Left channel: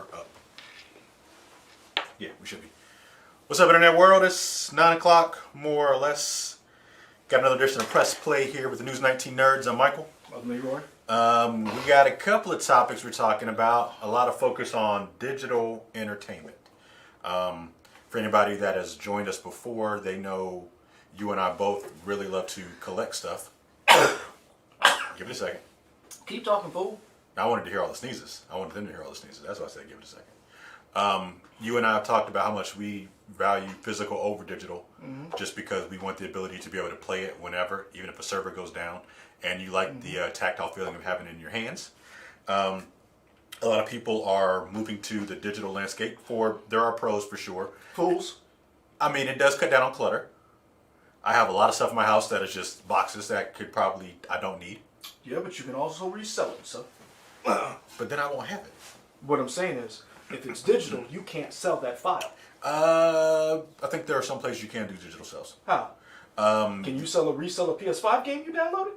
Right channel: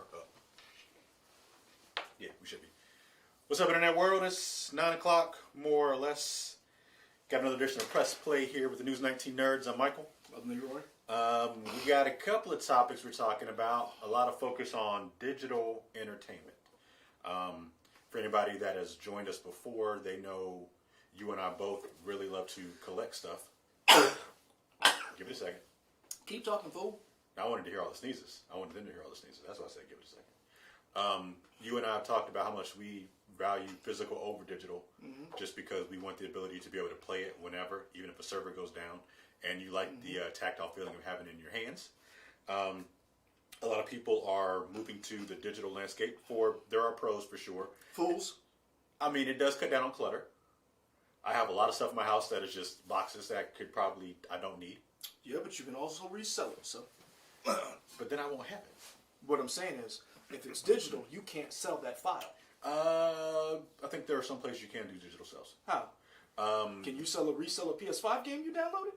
are up. Yeah, we should be. What's up, Internet world? It's 9 o'clock, more or less. Got another edition of Press Play here with the News 19 Nerds. I'm Michael. I'm Leroy. We got a couple of topics we're talking about. A lot of focus on digital entertainment. For anybody that has joined us before, they know you and I both really love to collect stuff. Give it a second. Keep talking, fool. I wanted to hear all the sneezes. I wanted them to hear all the sneezes. That's why I said give it a second. You and I have talked about how much we value physical over digital, just because we want the ability to be able to play it whenever, even if a server goes down, and you like the tactile feeling of having it in your hands. A lot of people are moving to the digital landscape. There are pros for sure. Fools. I mean, it does cut down on clutter. I have a lot of stuff in my house that is just boxes that I don't need. Yeah, but you can also resell it, so. But then I won't have it. What I'm saying is, if it's digital, you can't sell that file. I think there are some places you can do digital sales. How? Can you resell a PS5 game you downloaded?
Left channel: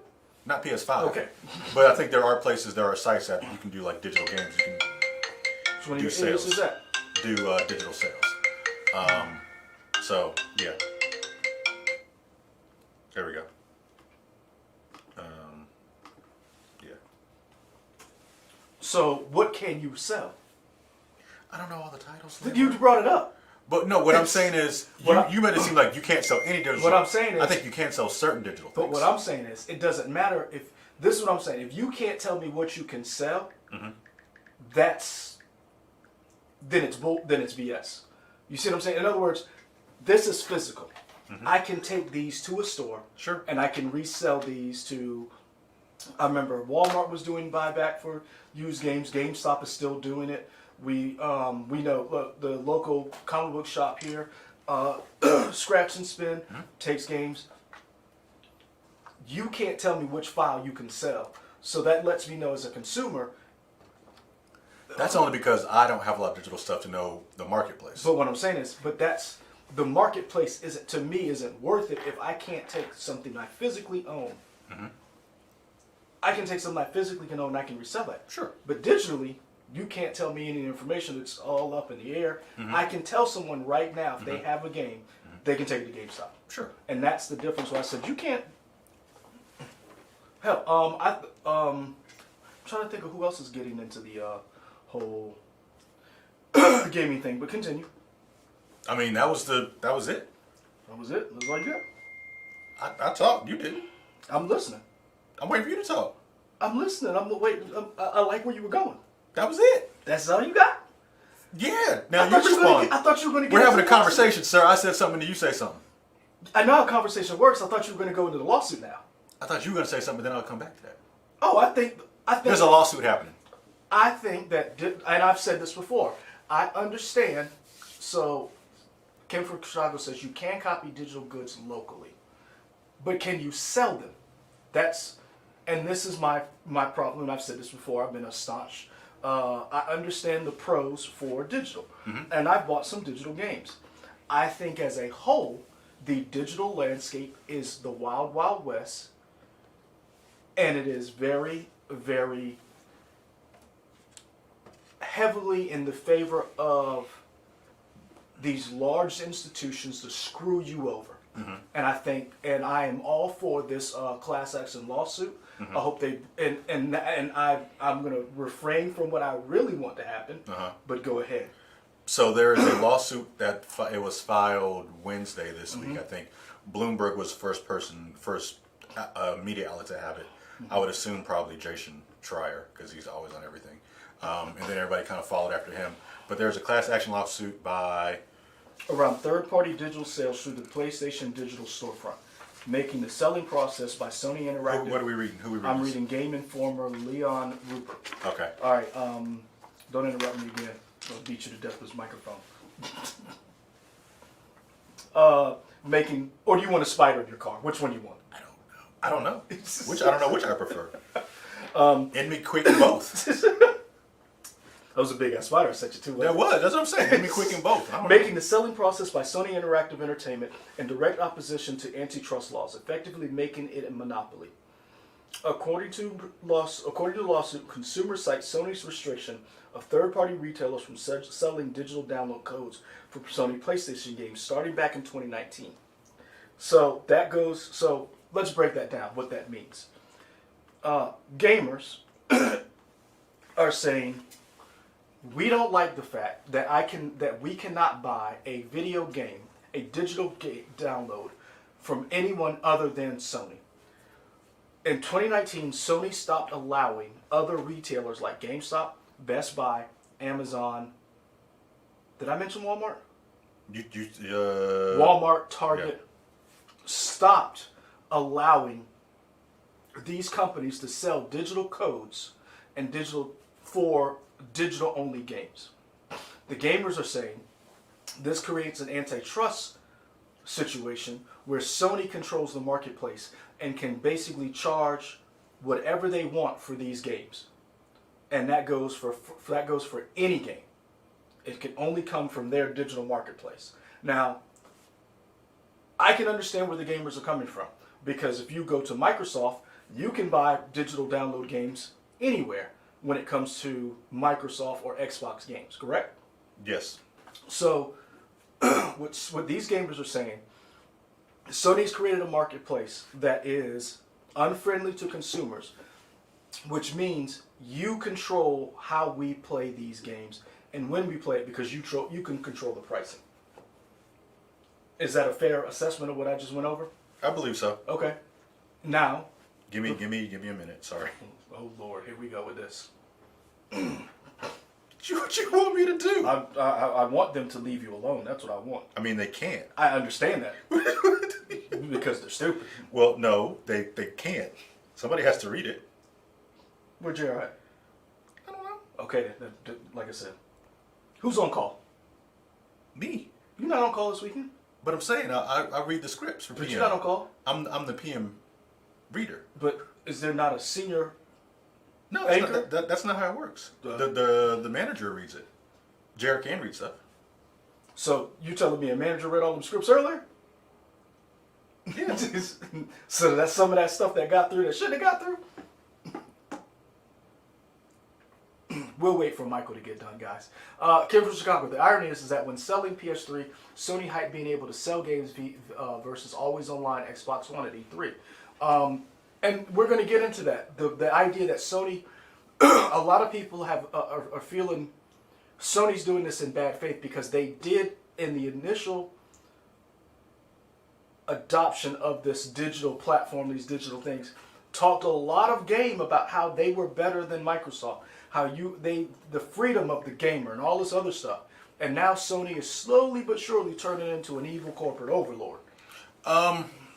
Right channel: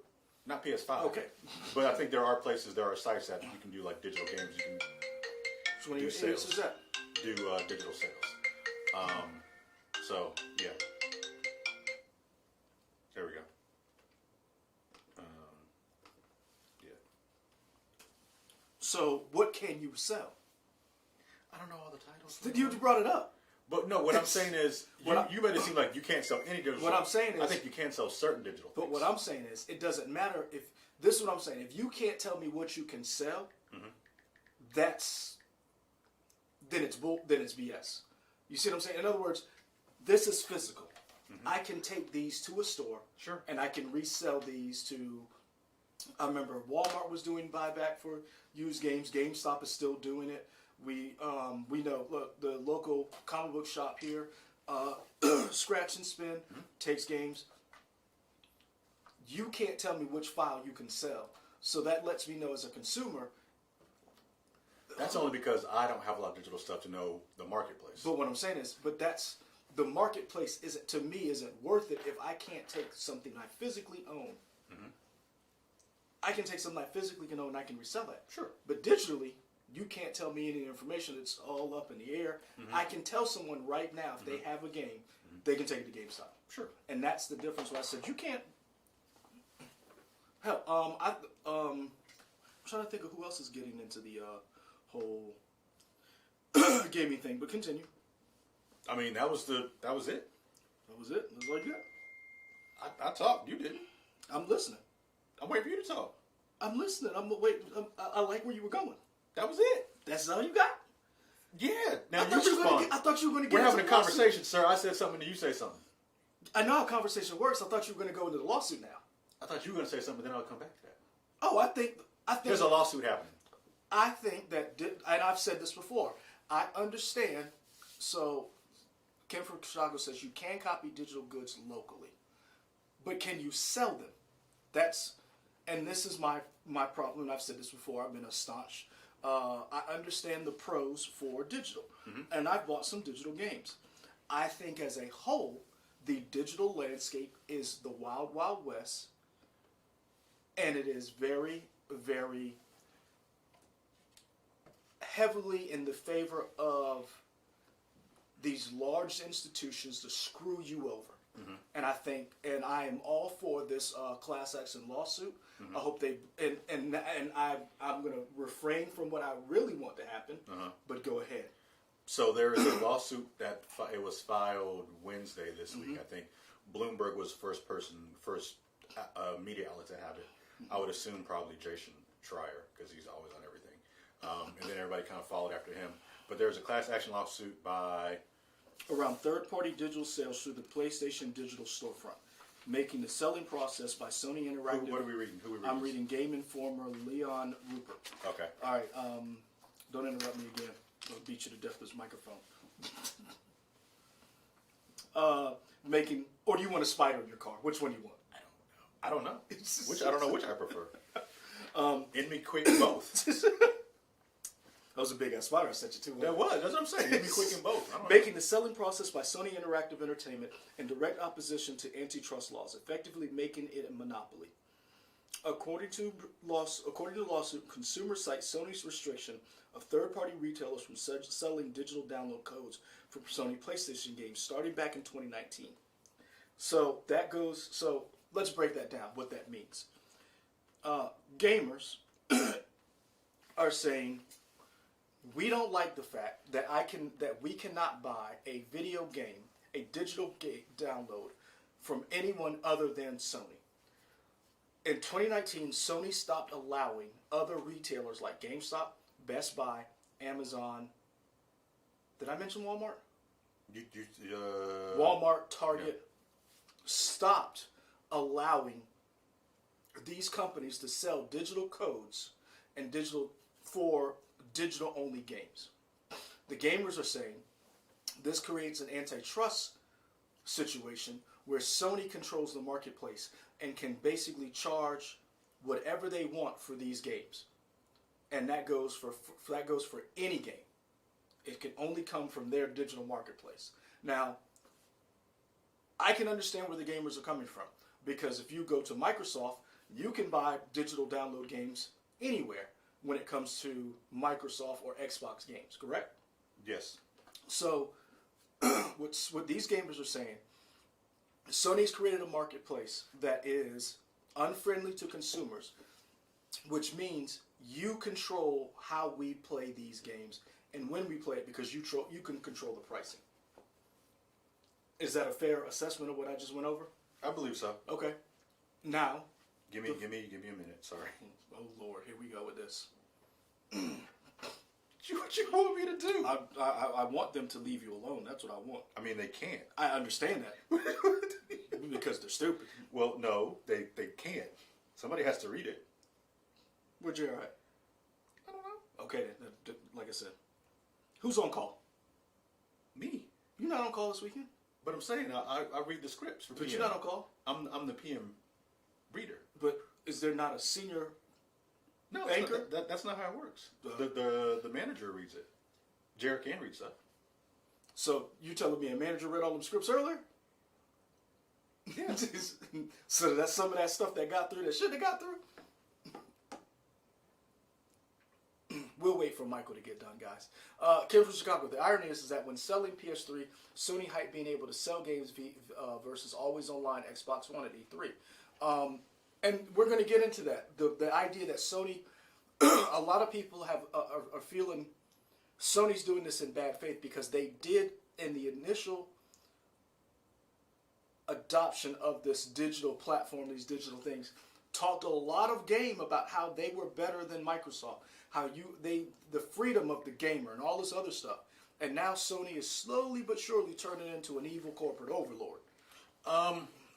Not PS5. Okay. But I think there are sites that you can do like digital games. You can Which one of your areas is that? do digital sales. So yeah. There we go. Yeah. So what can you sell? I don't know all the titles. You brought it up. But no, what I'm saying is, you made it seem like you can't sell any digital. What I'm saying is, I think you can't sell certain digital things. But what I'm saying is, it doesn't matter if this is what I'm saying. If you can't tell me what you can sell, then it's BS. You see what I'm saying? In other words, this is physical. I can take these to a store, sure, and I can resell these to. I remember Walmart was doing buyback for used games. GameStop is still doing it. We know the local comic book shop here, Scratch and Spin, takes games. You can't tell me which file you can sell, so that lets me know as a consumer. That's only because I don't have a lot of digital stuff to know the marketplace. But what I'm saying is, the marketplace isn't worth it if I can't take something I physically own. I can take something I physically can own and I can resell it. Sure. But digitally, you can't tell me any information. It's all up in the air. I can tell someone right now if they have a game, they can take it to GameStop. Sure. And that's the difference. Where I said you can't. Hell, I'm trying to think of who else is getting into the whole gaming thing. But continue. I mean, that was it. That was it. That was like that. I talked. You didn't. I'm listening. I'm waiting for you to talk. I'm listening. I like where you were going. That was it. That's all you got? Yeah. Now you respond. I thought you were going to get We're having a conversation, sir. I said something and you say something. I know how conversation works. I thought you were going to go into the lawsuit now. I thought you were going to say something, then I'll come back to that. Oh, I think there's a lawsuit happening. I think that, and I've said this before, I understand. So, Kim from Chicago says you can copy digital goods locally, but can you sell them? And this is my problem, and I've said this before, I've been a staunch. I understand the pros for digital, and I've bought some digital games. I think as a whole, the digital landscape is the wild, wild west, and it is very, very heavily in the favor of these large institutions to screw you over. And I am all for this class action lawsuit. I hope they and I'm going to refrain from what I really want to happen. But go ahead. So there is a lawsuit that it was filed Wednesday this week. I think Bloomberg was the first media outlet to have it. I would assume probably Jason Schreier because he's always on everything. And then everybody kind of followed after him. But there's a class action lawsuit by around third-party digital sales through the PlayStation Digital Storefront, making the selling process by Sony Interactive. What are we reading? Who are we reading? I'm reading Game Informer, Leon Rupert. Okay. All right. Don't interrupt me again. I'll beat you to death with this microphone. Or do you want a spider in your car? Which one do you want? I don't know. I don't know which I prefer. End me quick in both. That was a big ass spider I sent you to. That was. That's what I'm saying. End me quick in both. Making the selling process by Sony Interactive Entertainment in direct opposition to antitrust laws, effectively making it a monopoly. According to the lawsuit, consumer cites Sony's restriction of third-party retailers from selling digital download codes for Sony PlayStation games starting back in 2019. So that goes. So let's break that down. What that means. Gamers are saying we don't like the fact that we cannot buy a video game, a digital download from anyone other than Sony. In 2019, Sony stopped allowing other retailers like GameStop, Best Buy, Amazon. Did I mention Walmart? Walmart, Target, stopped allowing these companies to sell digital codes and digital only games. The gamers are saying this creates an antitrust situation where Sony controls the marketplace and can basically charge whatever they want for these games, and that goes for any game. It can only come from their digital marketplace. Now, I can understand where the gamers are coming from, because if you go to Microsoft, you can buy digital download games anywhere when it comes to Microsoft or Xbox games, correct? Yes. So, what these gamers are saying, Sony's created a marketplace that is unfriendly to consumers, which means you control how we play these games and when we play it, because you can control the pricing. Is that a fair assessment of what I just went over? I believe so. Okay. Now, Give me a minute. Sorry. oh Lord, here we go with this. What you want me to do? I want them to leave you alone. That's what I want. I mean, they can't. I understand that. Because they're stupid. Well, no, they can't. Somebody has to read it. Where'd you at? I don't know. Okay, like I said. Who's on call? Me. You're not on call this weekend? But I'm saying I read the scripts for PM. But you're not on call? I'm the PM reader. But is there not a senior No, anchor? that's not how it works. The manager reads it. Jared can read stuff. So you telling me a manager read all them scripts earlier? Yeah. So that's some of that stuff that got through that shouldn't have got through? We'll wait for Michael to get done, guys. Kim from Chicago. The irony is that when selling PS3, Sony hyped being able to sell games versus always online Xbox One at E3. And we're going to get into that. The idea that Sony, a lot of people are feeling Sony's doing this in bad faith because they did, in the initial adoption of this digital platform, these digital things, talked a lot of game about how they were better than Microsoft, how the freedom of the gamer and all this other stuff. And now Sony is slowly but surely turning into an evil corporate overlord.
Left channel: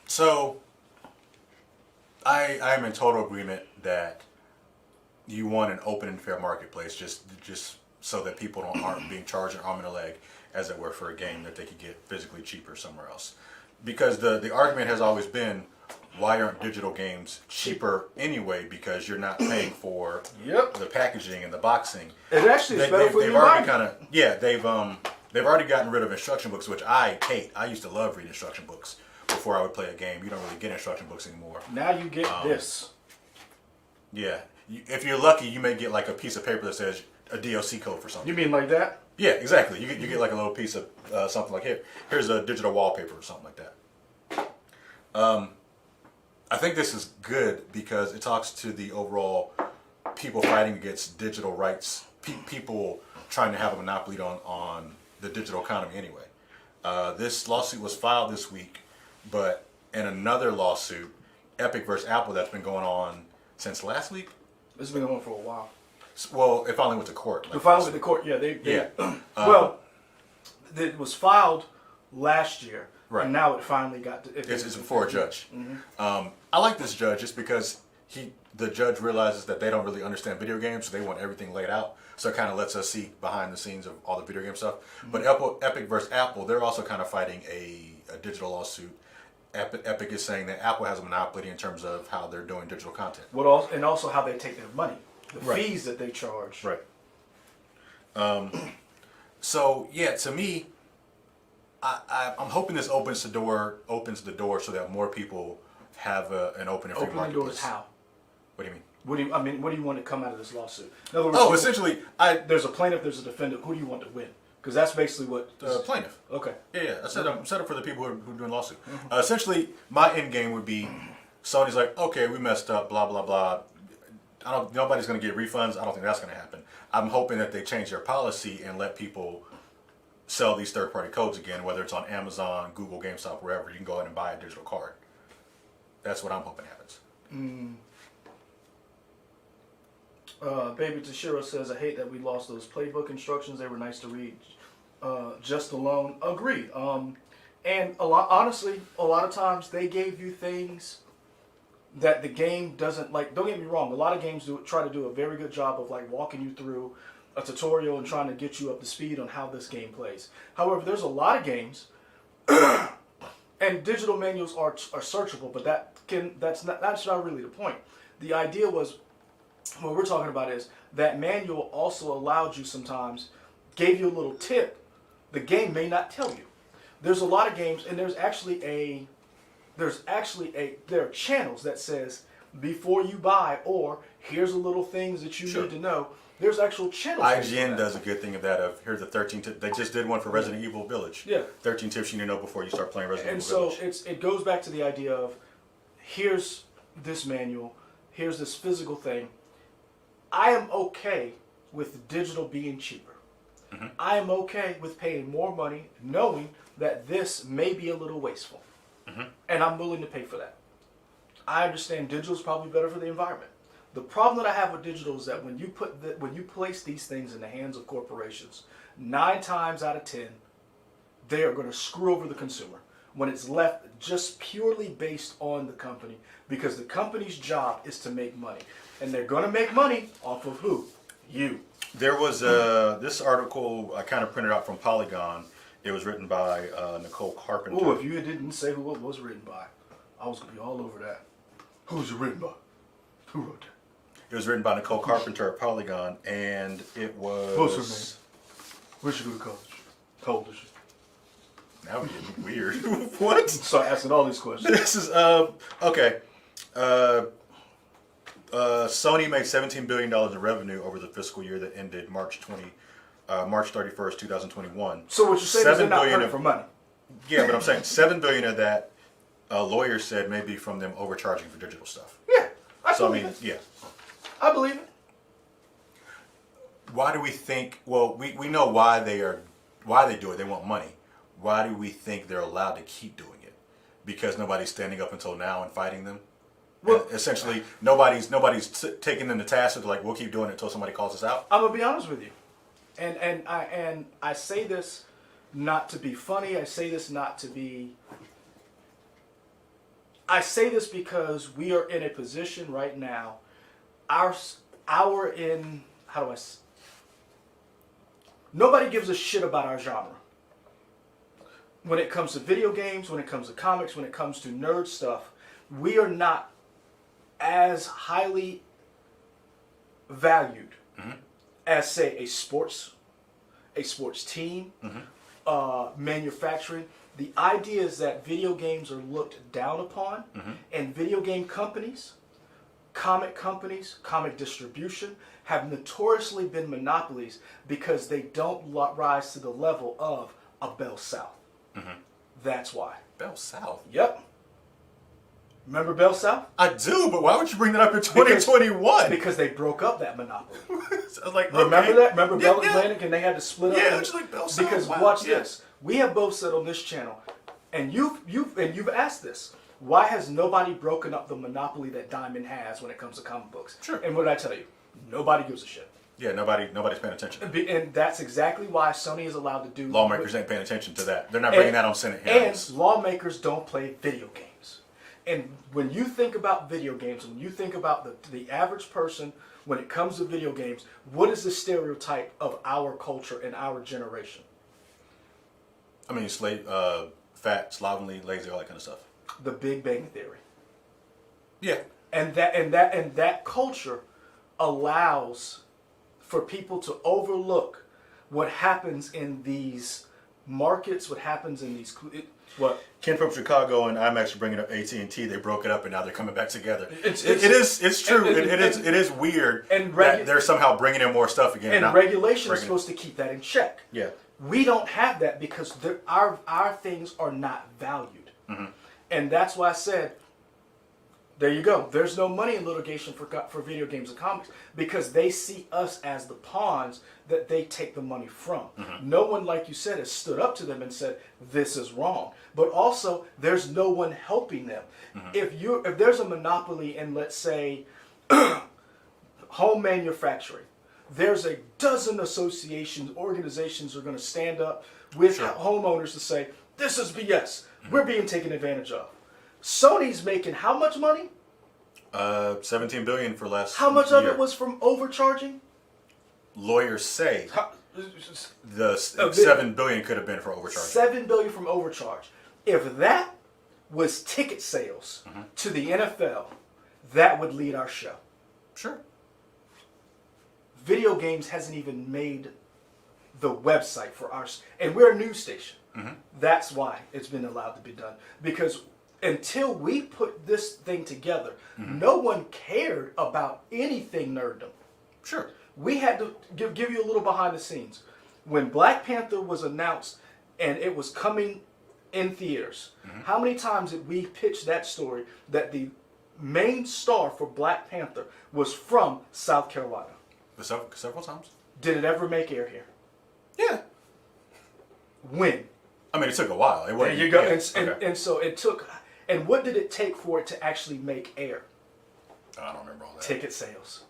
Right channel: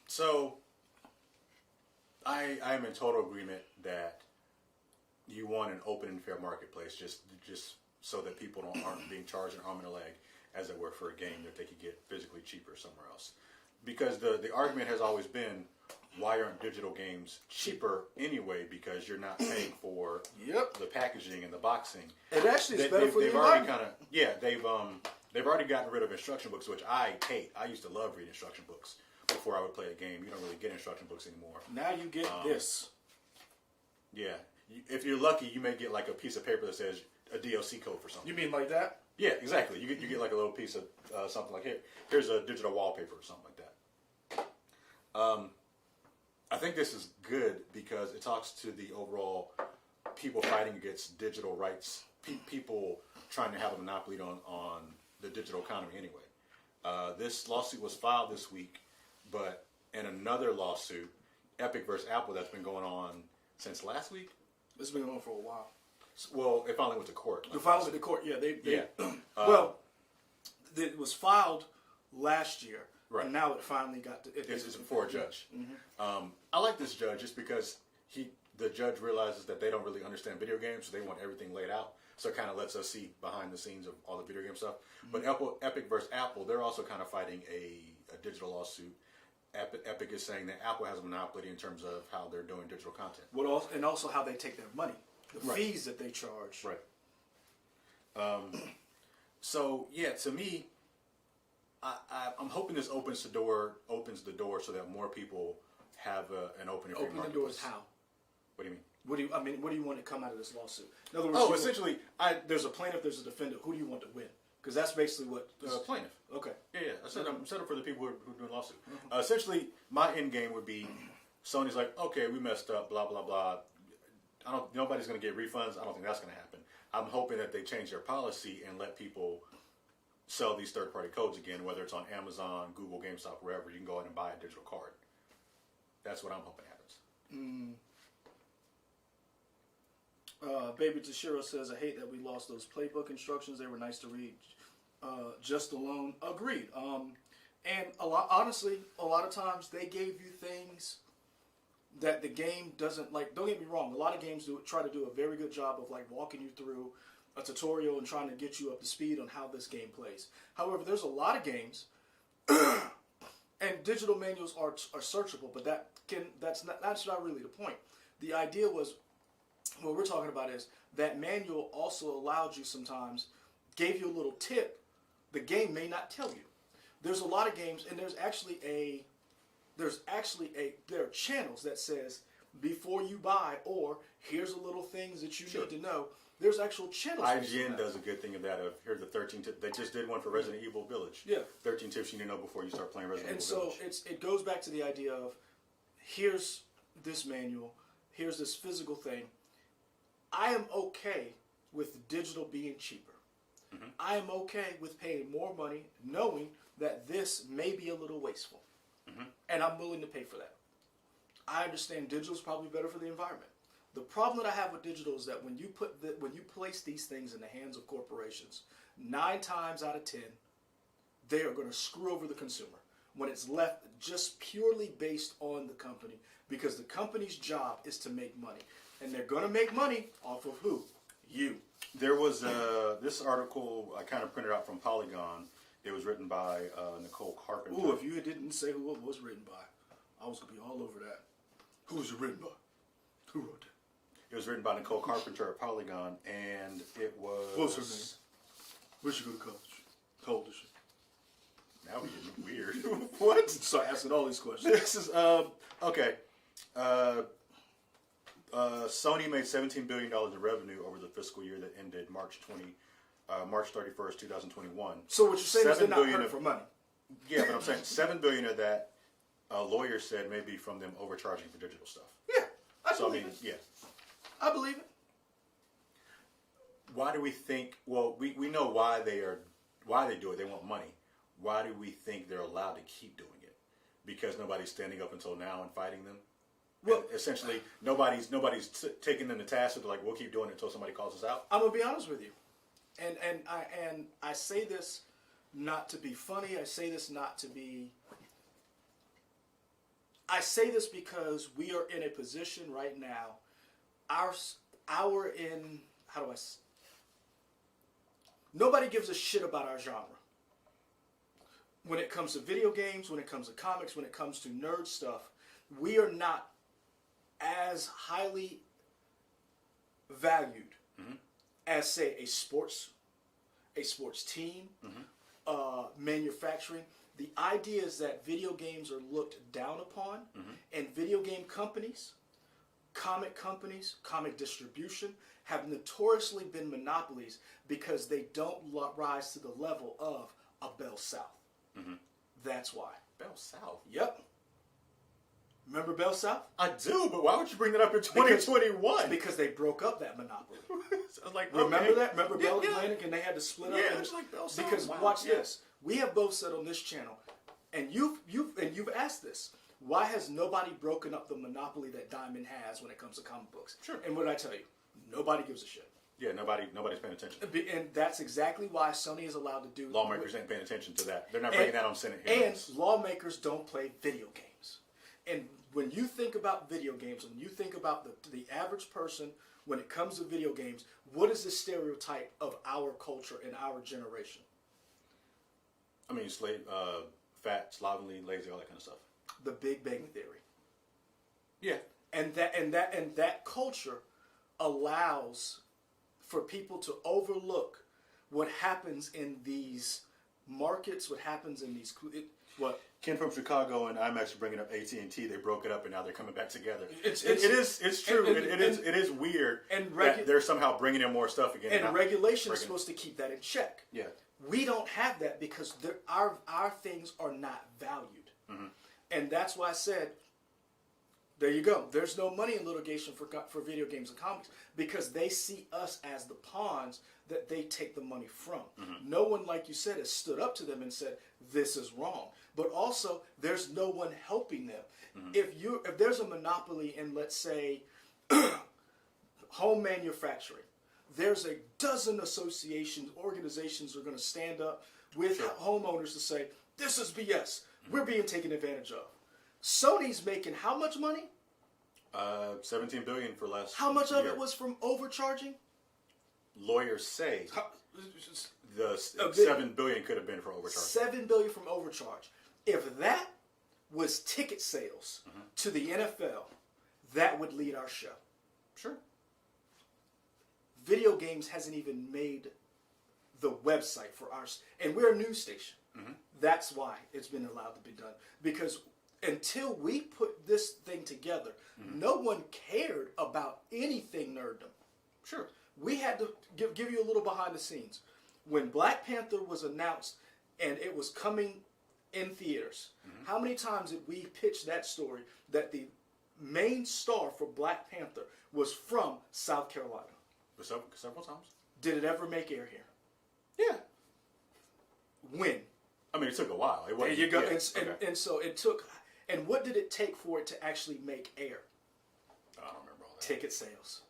So I am in total agreement that you want an open and fair marketplace, just so that people aren't being charged an arm and a leg, as it were, for a game that they could get physically cheaper somewhere else. Because the argument has always been, why aren't digital games cheaper anyway? Because you're not paying for the packaging and the boxing. It actually is better for they've you. They've already gotten rid of instruction books, which I hate. I used to love reading instruction books before I would play a game. You don't really get instruction books anymore. Now you get this. Yeah, if you're lucky, you may get like a piece of paper that says a DOC code for something. You mean like that? Yeah, exactly. You get like a little piece of something like here's a digital wallpaper or something like that. I think this is good because it talks to the overall people fighting against digital rights, people trying to have a monopoly on the digital economy anyway. This lawsuit was filed this week, but in another lawsuit, Epic versus Apple, that's been going on since last week. It's been going on for a while. Well, it finally went to court. It finally went to court, well, it was filed last year. Right. And now it finally got to... It's before a judge. Mm-hmm. I like this judge just because the judge realizes that they don't really understand video games, so they want everything laid out. So it kind of lets us see behind the scenes of all the video game stuff. Mm-hmm. But Epic versus Apple, they're also kind of fighting a digital lawsuit. Epic is saying that Apple has a monopoly in terms of how they're doing digital content. And also how they take their money. The fees that they charge. Right. So, yeah, to me... I'm hoping this opens the door so that more people have an open and free marketplace. Open the doors how? What do you mean? What do you want to come out of this lawsuit? In other words, Essentially, there's a plaintiff, there's a defendant. Who do you want to win? Because that's basically what plaintiff. Okay. Yeah. I set up for the people who are doing lawsuit. Essentially, my end game would be Sony's like, okay, we messed up, blah blah blah. Nobody's going to get refunds. I don't think that's going to happen. I'm hoping that they change their policy and let people sell these third-party codes again, whether it's on Amazon, Google, GameStop, wherever. You can go ahead and buy a digital card. That's what I'm hoping happens. Baby Tashiro says, I hate that we lost those playbook instructions. They were nice to read. Just alone. Agreed. And honestly, a lot of times they gave you things that the game doesn't like. Don't get me wrong. A lot of games try to do a very good job of like walking you through a tutorial and trying to get you up to speed on how this game plays. However, there's a lot of games, and digital manuals are searchable, but that's not really the point. The idea was, what we're talking about is that manual also allowed you sometimes, gave you a little tip the game may not tell you. There's a lot of games, and there are channels that says before you buy, or here's a little things that you need to know. There's actual channels. IGN does a good thing of that. Here's the 13 tips. They just did one for Resident Evil Village. Yeah. 13 tips you need to know before you start playing Resident Evil Village. And so it goes back to the idea of, here's this manual, here's this physical thing. I am okay with digital being cheaper. I am okay with paying more money knowing that this may be a little wasteful. And I'm willing to pay for that. I understand digital is probably better for the environment. The problem that I have with digital is that when you place these things in the hands of corporations, 9 times out of 10, they are going to screw over the consumer when it's left just purely based on the company, because the company's job is to make money. And they're going to make money off of who? You. There was this article I kind of printed out from Polygon. It was written by Nicole Carpenter. Oh, if you didn't say who it was written by, I was going to be all over that. Who's it written by? Who wrote that? It was written by Nicole Carpenter at Polygon, and it was... What's her name? Where'd she go to college? How old is she? Now we're getting weird. What? Start asking all these questions. This is, okay. Sony made $17 billion in revenue over the fiscal year that ended March 31st, 2021. So what you're saying is they're not hurting for money. Yeah, but I'm saying $7 billion of that, lawyers said maybe from them overcharging for digital stuff. Yeah, I believe it. Yeah. I believe it. Why do we think? Well, we know why they do it. They want money. Why do we think they're allowed to keep doing it? Because nobody's standing up until now and fighting them. Well, and essentially, nobody's taking them to task. They're like, we'll keep doing it until somebody calls us out. I'm gonna be honest with you, and I say this not to be funny. I say this because we are in a position right now. Nobody gives a shit about our genre. When it comes to video games, when it comes to comics, when it comes to nerd stuff, we are not as highly valued as, say, a sports team, manufacturing. The idea is that video games are looked down upon, and video game companies, comic distribution, have notoriously been monopolies because they don't rise to the level of a Bell South. That's why. Bell South? Yep. Remember Bell South? I do, but why would you bring that up in 2021? Because they broke up that monopoly. I was like, remember okay. that? Remember Bell Atlantic, and they had to split up? Yeah, it's like Bell South. Because watch this. We have both said on this channel, and you've asked this. Why has nobody broken up the monopoly that Diamond has when it comes to comic books? Sure. And what did I tell you? Nobody gives a shit. Yeah, nobody's paying attention. And that's exactly why Sony is allowed to do... Lawmakers ain't paying attention to that. They're not bringing that on Senate hearings. And lawmakers don't play video games. And when you think about video games, when you think about the average person, when it comes to video games, what is the stereotype of our culture and our generation? I mean, fat, slovenly, lazy, all that kind of stuff. The Big Bang Theory. Yeah. And that culture allows for people to overlook what happens in these markets, what happens in these... What? Ken from Chicago and IMAX are bringing up AT&T. They broke it up and now they're coming back together. It's true. It is weird that they're somehow bringing in more stuff again. And regulation is supposed to keep that in check. Yeah. We don't have that because our things are not valued. And that's why I said, there you go. There's no money in litigation for video games and comics because they see us as the pawns that they take the money from. No one, like you said, has stood up to them and said, this is wrong. But also, there's no one helping them. If there's a monopoly in, let's say, home manufacturing, there's a dozen associations, organizations are going to stand up with homeowners to say, this is BS. We're being taken advantage of. Sony's making how much money? $17 billion for last How much year. of it was from overcharging? Lawyers say the $7 billion could have been for overcharging. $7 billion from overcharge. If that was ticket sales to the NFL, that would lead our show. Sure. Video games hasn't even made the website for ours, and we're a news station. That's why it's been allowed to be done. Because until we put this thing together, no one cared about anything nerddom. Sure. We had to give you a little behind the scenes. When Black Panther was announced and it was coming in theaters, how many times did we pitch that story that the main star for Black Panther was from South Carolina? Several times. Did it ever make air here? Yeah. When? I mean, it took a while. There you go. And so it took... And what did it take for it to actually make air? I don't remember all that. Ticket sales.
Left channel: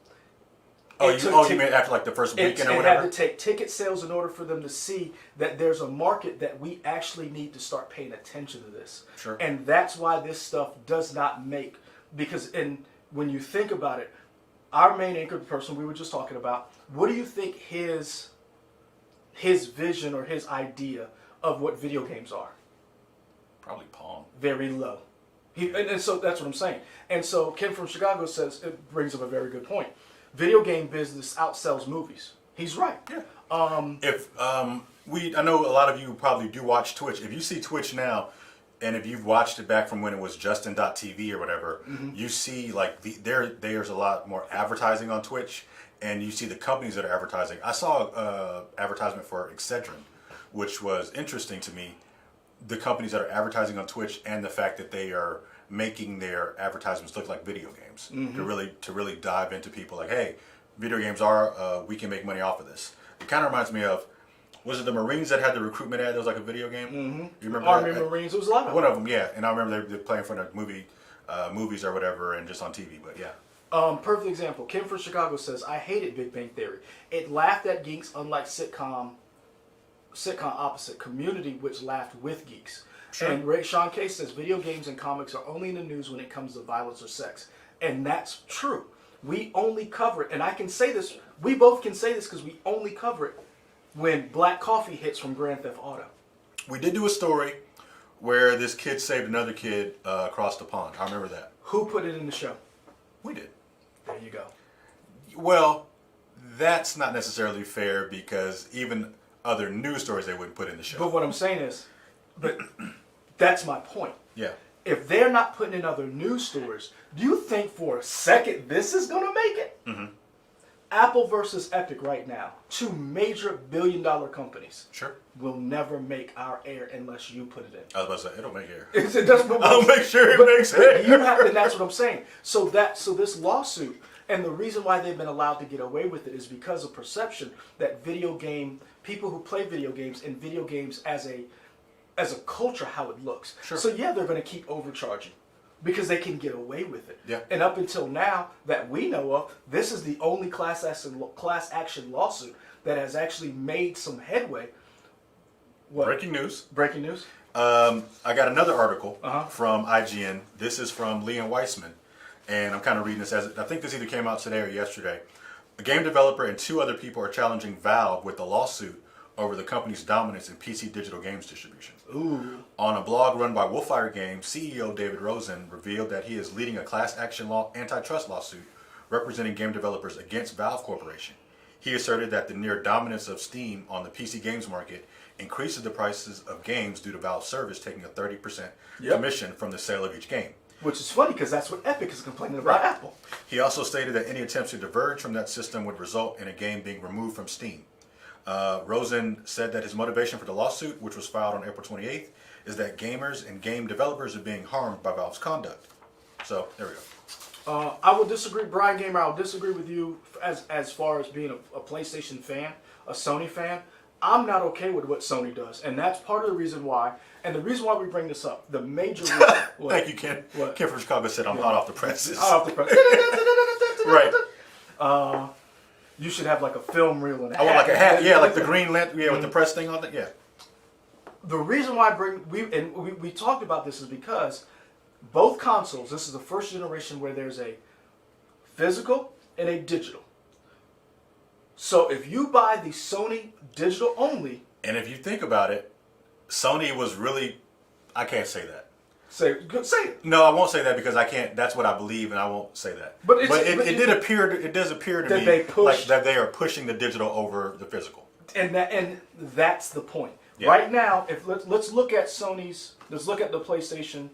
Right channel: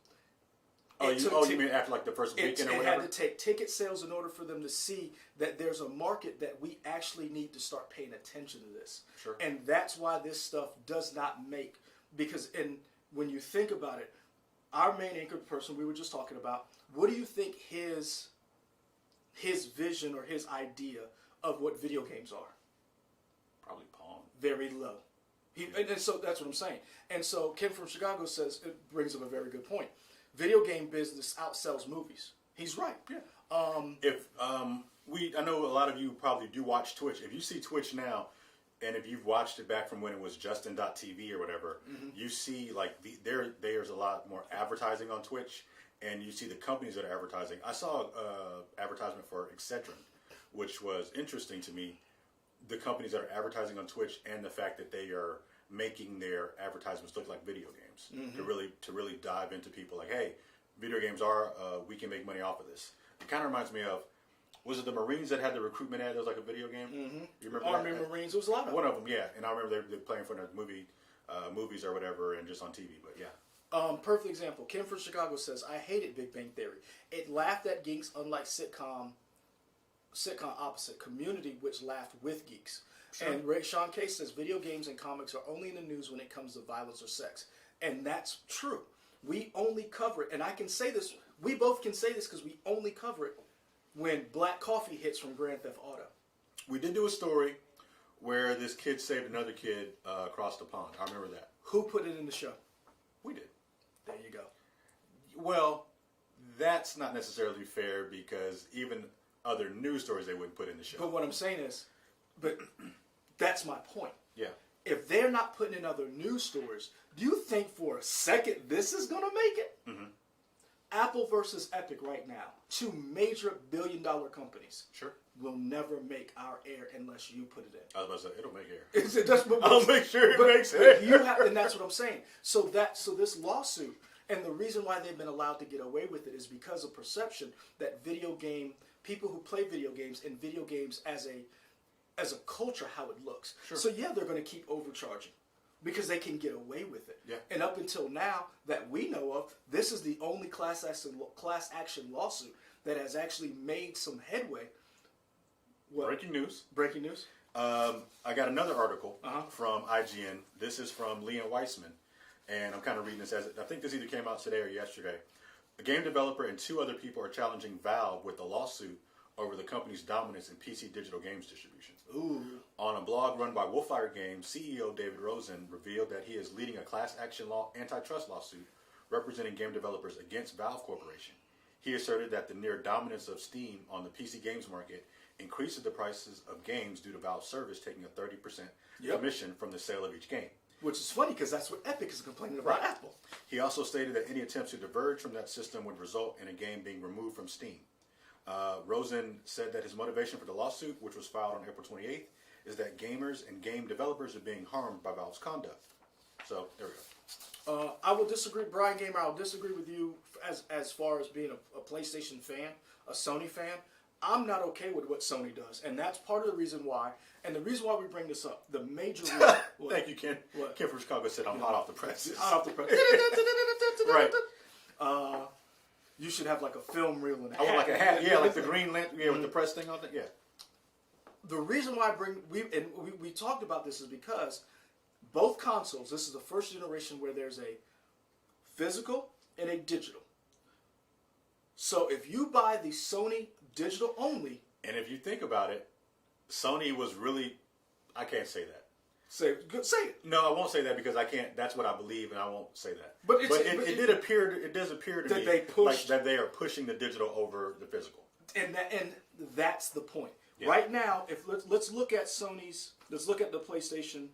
You mean after like the first weekend or whatever? It had to take ticket sales in order for them to see that there's a market that we actually need to start paying attention to this. Sure. And that's why this stuff does not make... Because when you think about it, our main anchor person we were just talking about, what do you think his vision or his idea of what video games are? Probably Pong. Very low. And so that's what I'm saying. And so Ken from Chicago says, it brings up a very good point. Video game business outsells movies. He's right. Yeah. I know a lot of you probably do watch Twitch. If you see Twitch now, and if you've watched it back from when it was Justin.tv or whatever, you see like there's a lot more advertising on Twitch, and you see the companies that are advertising. I saw an advertisement for Excedrin, which was interesting to me. The companies that are advertising on Twitch and the fact that they are making their advertisements look like video games to really dive into people like, hey, video games are we can make money off of this. It kind of reminds me of, was it the Marines that had the recruitment ad that was like a video game? You remember Army that? Marines, it was a lot of one of them, yeah. And I remember they're playing for the movies or whatever, and just on TV. But yeah. Perfect example. Kim from Chicago says, I hated Big Bang Theory. It laughed at geeks, unlike sitcom opposite Community, which laughed with geeks. Sure. And Sean K says video games and comics are only in the news when it comes to violence or sex, and that's true. We only cover it, and I can say this. We both can say this because we only cover it when Black Coffee hits from Grand Theft Auto. We did do a story where this kid saved another kid across the pond. I remember that. Who put it in the show? We did. There you go. Well, that's not necessarily fair because even other news stories they wouldn't put in the show. But what I'm saying is, that's my point. Yeah. If they're not putting in other news stories, do you think for a second this is going to make it? Apple versus Epic right now, two major billion-dollar companies. Sure. Will never make our air unless you put it in. I was about to say, it'll make air. It does, I'll make sure it makes air. You have, and that's what I'm saying. So this lawsuit, and the reason why they've been allowed to get away with it is because of perception that people who play video games and video games as a culture, how it looks. Sure. So yeah, they're going to keep overcharging because they can get away with it. Yeah. And up until now that we know of, this is the only class action lawsuit that has actually made some headway. What? Breaking news. Breaking news. I got another article from IGN. This is from Leon Weissman, and I'm kind of reading this I think this either came out today or yesterday. A game developer and two other people are challenging Valve with a lawsuit over the company's dominance in PC digital games distribution. Ooh. On a blog run by Wolfire Games, CEO David Rosen revealed that he is leading a class action antitrust lawsuit representing game developers against Valve Corporation. He asserted that the near dominance of Steam on the PC games market increases the prices of games due to Valve's service taking a 30% Yep. commission from the sale of each game. Which is funny because that's what Epic is complaining about Right. Apple. He also stated that any attempts to diverge from that system would result in a game being removed from Steam. Rosen said that his motivation for the lawsuit, which was filed on April 28th, is that gamers and game developers are being harmed by Valve's conduct. So, there we go. I will disagree, Brian Gamer. I will disagree with you as far as being a PlayStation fan, a Sony fan. I'm not okay with what Sony does, and that's part of the reason why. And the reason why we bring this up, the major reason. Thank you, Ken. What? Ken from Chicago said I'm hot off the presses. Hot off the press. Right. You should have like a film reel and a hat. I want like a hat. Yeah, like the green lantern. Yeah, with the press thing on it. Yeah. The reason why we talked about this is because both consoles. This is the first generation where there's a physical and a digital. So if you buy the Sony digital only, And if you think about it, Sony was really, I can't say that. say it. No, I won't say that because I can't. That's what I believe, and I won't say that. But it does appear to that me they push- like that they are pushing the digital over the physical. And that's the point. Yeah. Right now, if let's look at let's look at the PlayStation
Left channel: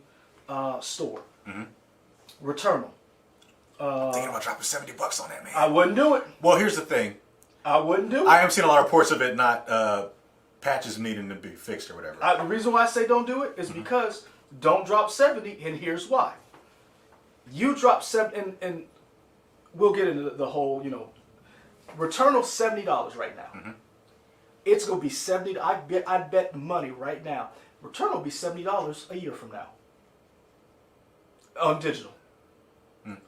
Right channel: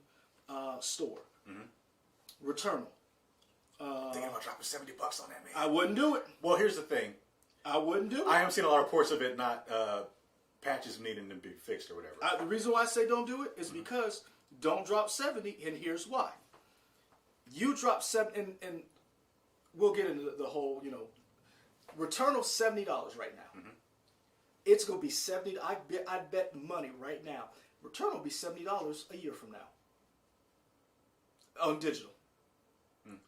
store. Returnal. Thinking about dropping $70 on that, man. I wouldn't do it. Well, here's the thing. I wouldn't do it. I am seeing a lot of reports of it not patches needing to be fixed or whatever. The reason why I say don't do it is because don't drop 70, and here's why. You drop 70, and we'll get into the whole, Returnal $70 right now. It's gonna be $70. I bet money right now. Returnal will be $70 a year from now on digital,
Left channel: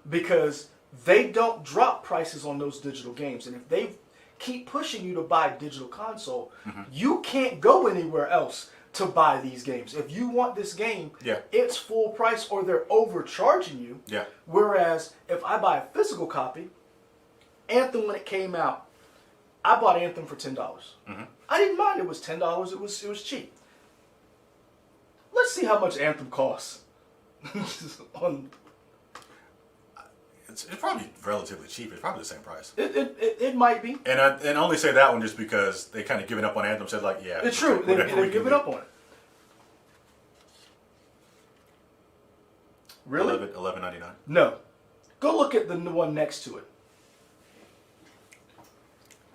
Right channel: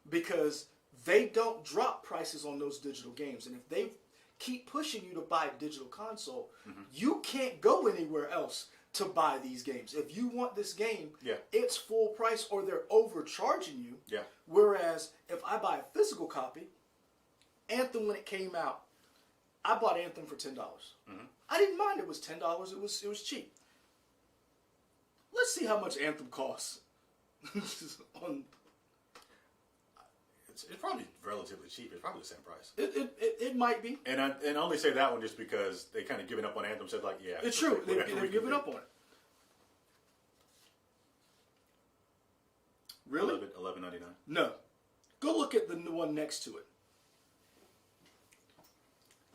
because they don't drop prices on those digital games, and if they keep pushing you to buy a digital console, you can't go anywhere else to buy these games. If you want this game, it's full price or they're overcharging you. Yeah. Whereas if I buy a physical copy, Anthem when it came out, I bought Anthem for $10. I didn't mind it was $10. It was cheap. Let's see how much Anthem costs. It's probably relatively cheap. It's probably the same price. It might be. And I only say that one just because they kind of given up on Anthem. Said like, yeah, It's true. They've whatever we can given do. up on it. Really? $11.99. No. Go look at the one next to it.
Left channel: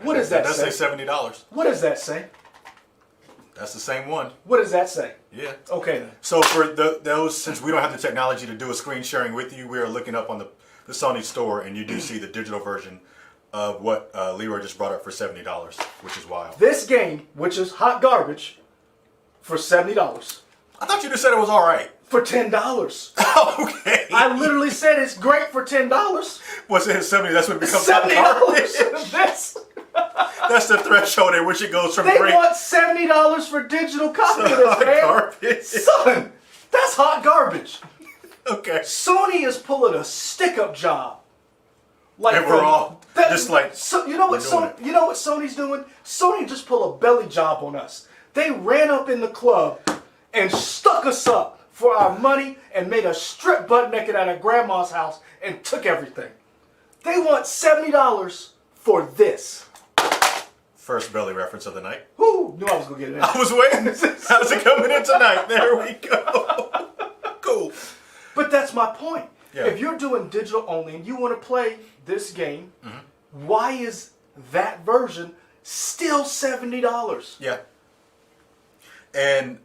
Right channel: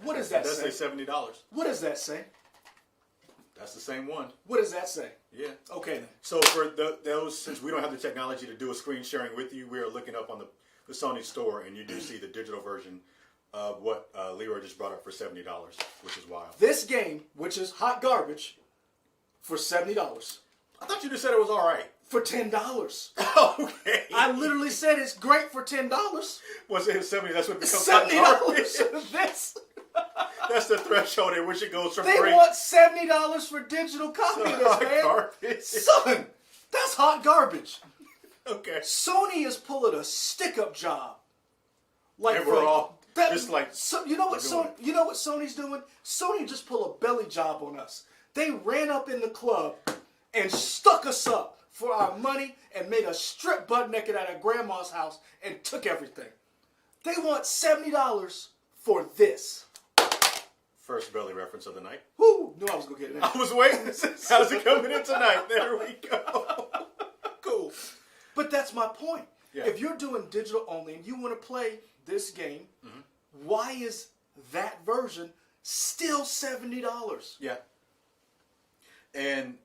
What does that say? That say $70. What does that say? That's the same one. What does that say? Yeah. Okay then. So for those, since we don't have the technology to do a screen sharing with you, we are looking up on the Sony store, and you do see the digital version of what Leroy just brought up for $70, which is wild. This game, which is hot garbage, for $70. I thought you just said it was all right. For $10. Okay. I literally said it's great for $10. What's it? 70? That's when it becomes hot garbage. That's the threshold at which it goes from They great. want $70 for digital copy of this, hot man. garbage. Son, that's hot garbage. Okay. Sony is pulling a stick-up job. Like And we're all just like, So, you know what we're doing You know what Sony's doing? Sony just pulled a belly job on us. They ran up in the club and stuck us up for our money and made us strip butt naked at our grandma's house and took everything. They want $70 for this. First belly reference of the night. Who knew I was gonna get it in? I was waiting. How's it coming in tonight? There we go. Cool. But that's my point. Yeah. If you're doing digital only and you want to play this game, why is that version still $70? Yeah. And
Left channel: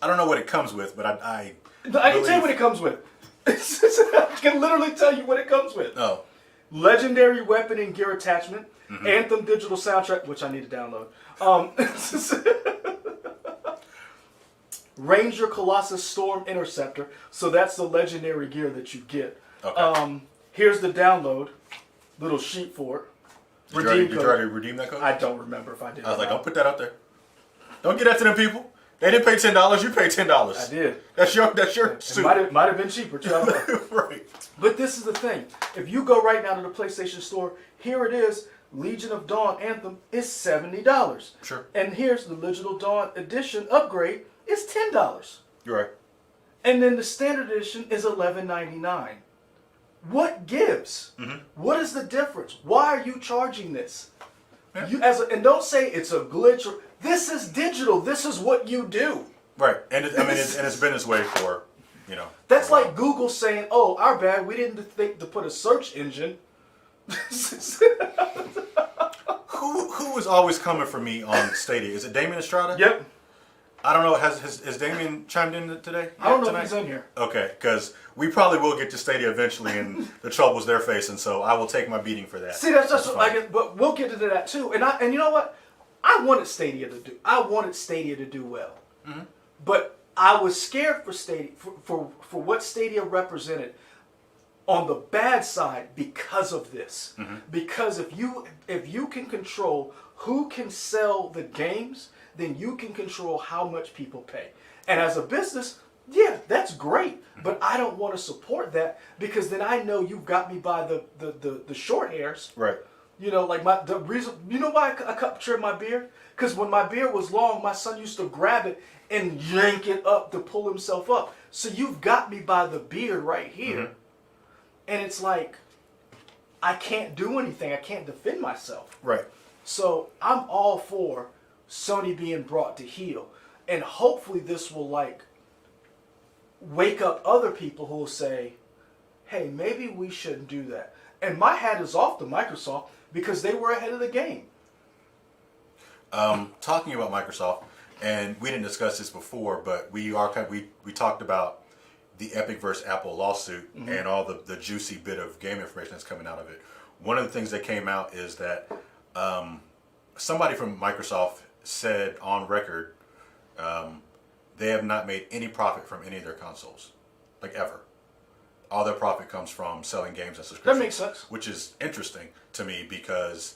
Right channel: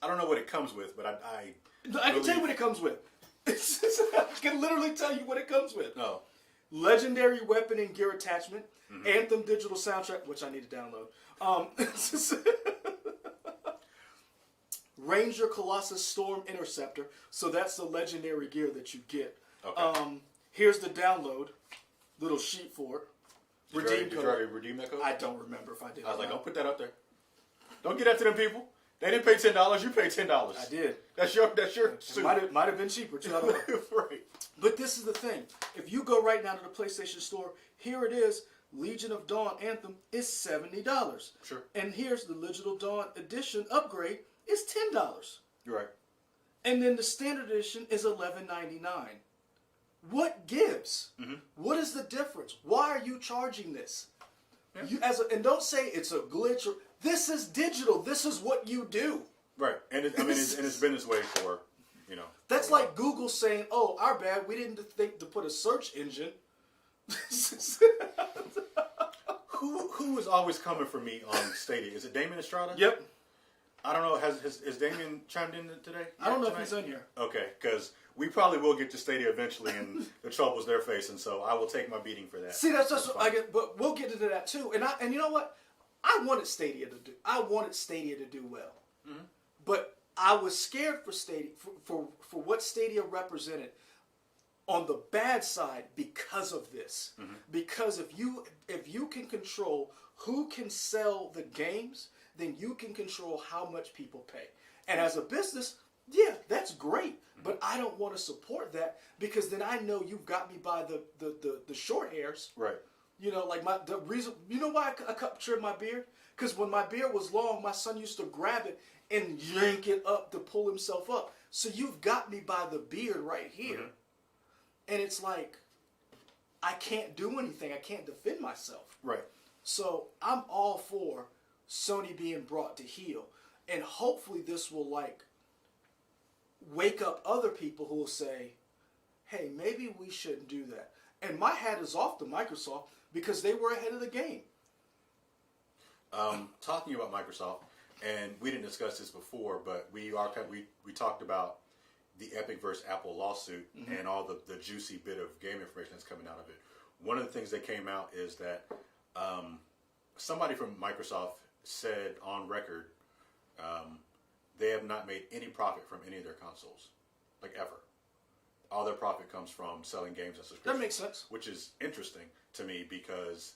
I don't know what it comes with, but I can tell you what it comes with. I can literally tell you what it comes with. Oh. Legendary weapon and gear attachment, Anthem digital soundtrack, which I need to download. Ranger Colossus Storm Interceptor. So that's the legendary gear that you get. Okay. Here's the download. Little sheet for it. Did you already redeem that code? I don't remember if I did. I was like, don't put that out there. Don't get that to them people. They didn't pay $10. You paid $10. I did. That's your It suit. might have been cheaper too. I don't know. Right. But this is the thing. If you go right now to the PlayStation Store, here it is. Legion of Dawn Anthem is $70. Sure. And here's the Legion of Dawn Edition upgrade is $10. You're right. And then the standard edition is $11.99. What gives? What is the difference? Why are you charging this? Yeah. And don't say it's a glitch. This is digital. This is what you do. Right, and it's been this way for, you know. That's like Google saying, "Oh, our bad. We didn't think to put a search engine." Who is always coming for me on Stadia? Is it Damien Estrada? Yep. I don't know. Has Damien chimed in today? I don't know tonight? if he's in here. Okay, because we probably will get to Stadia eventually, and the troubles they're facing. So I will take my beating for that. See, that's just I get, but we'll get into that too. And you know what? I wanted Stadia to do well, but I was scared for Stadia for what Stadia represented on the bad side because of this. Because if you can control who can sell the games, then you can control how much people pay. And as a business, yeah, that's great. But I don't want to support that because then I know you've got me by the short hairs. Right. You know, like the reason, you know why I cut trim my beard? Because when my beard was long, my son used to grab it and yank it up to pull himself up. So you've got me by the beard right here. And it's like, I can't do anything. I can't defend myself. Right. So I'm all for Sony being brought to heel. And hopefully this will like wake up other people who will say, hey, maybe we shouldn't do that. And my hat is off to Microsoft because they were ahead of the game. Talking about Microsoft, and we didn't discuss this before, but we talked about the Epic versus Apple lawsuit and all the juicy bit of game information that's coming out of it. One of the things that came out is that somebody from Microsoft said on record they have not made any profit from any of their consoles, like ever. All their profit comes from selling games and subscriptions. That makes sense. Which is interesting to me because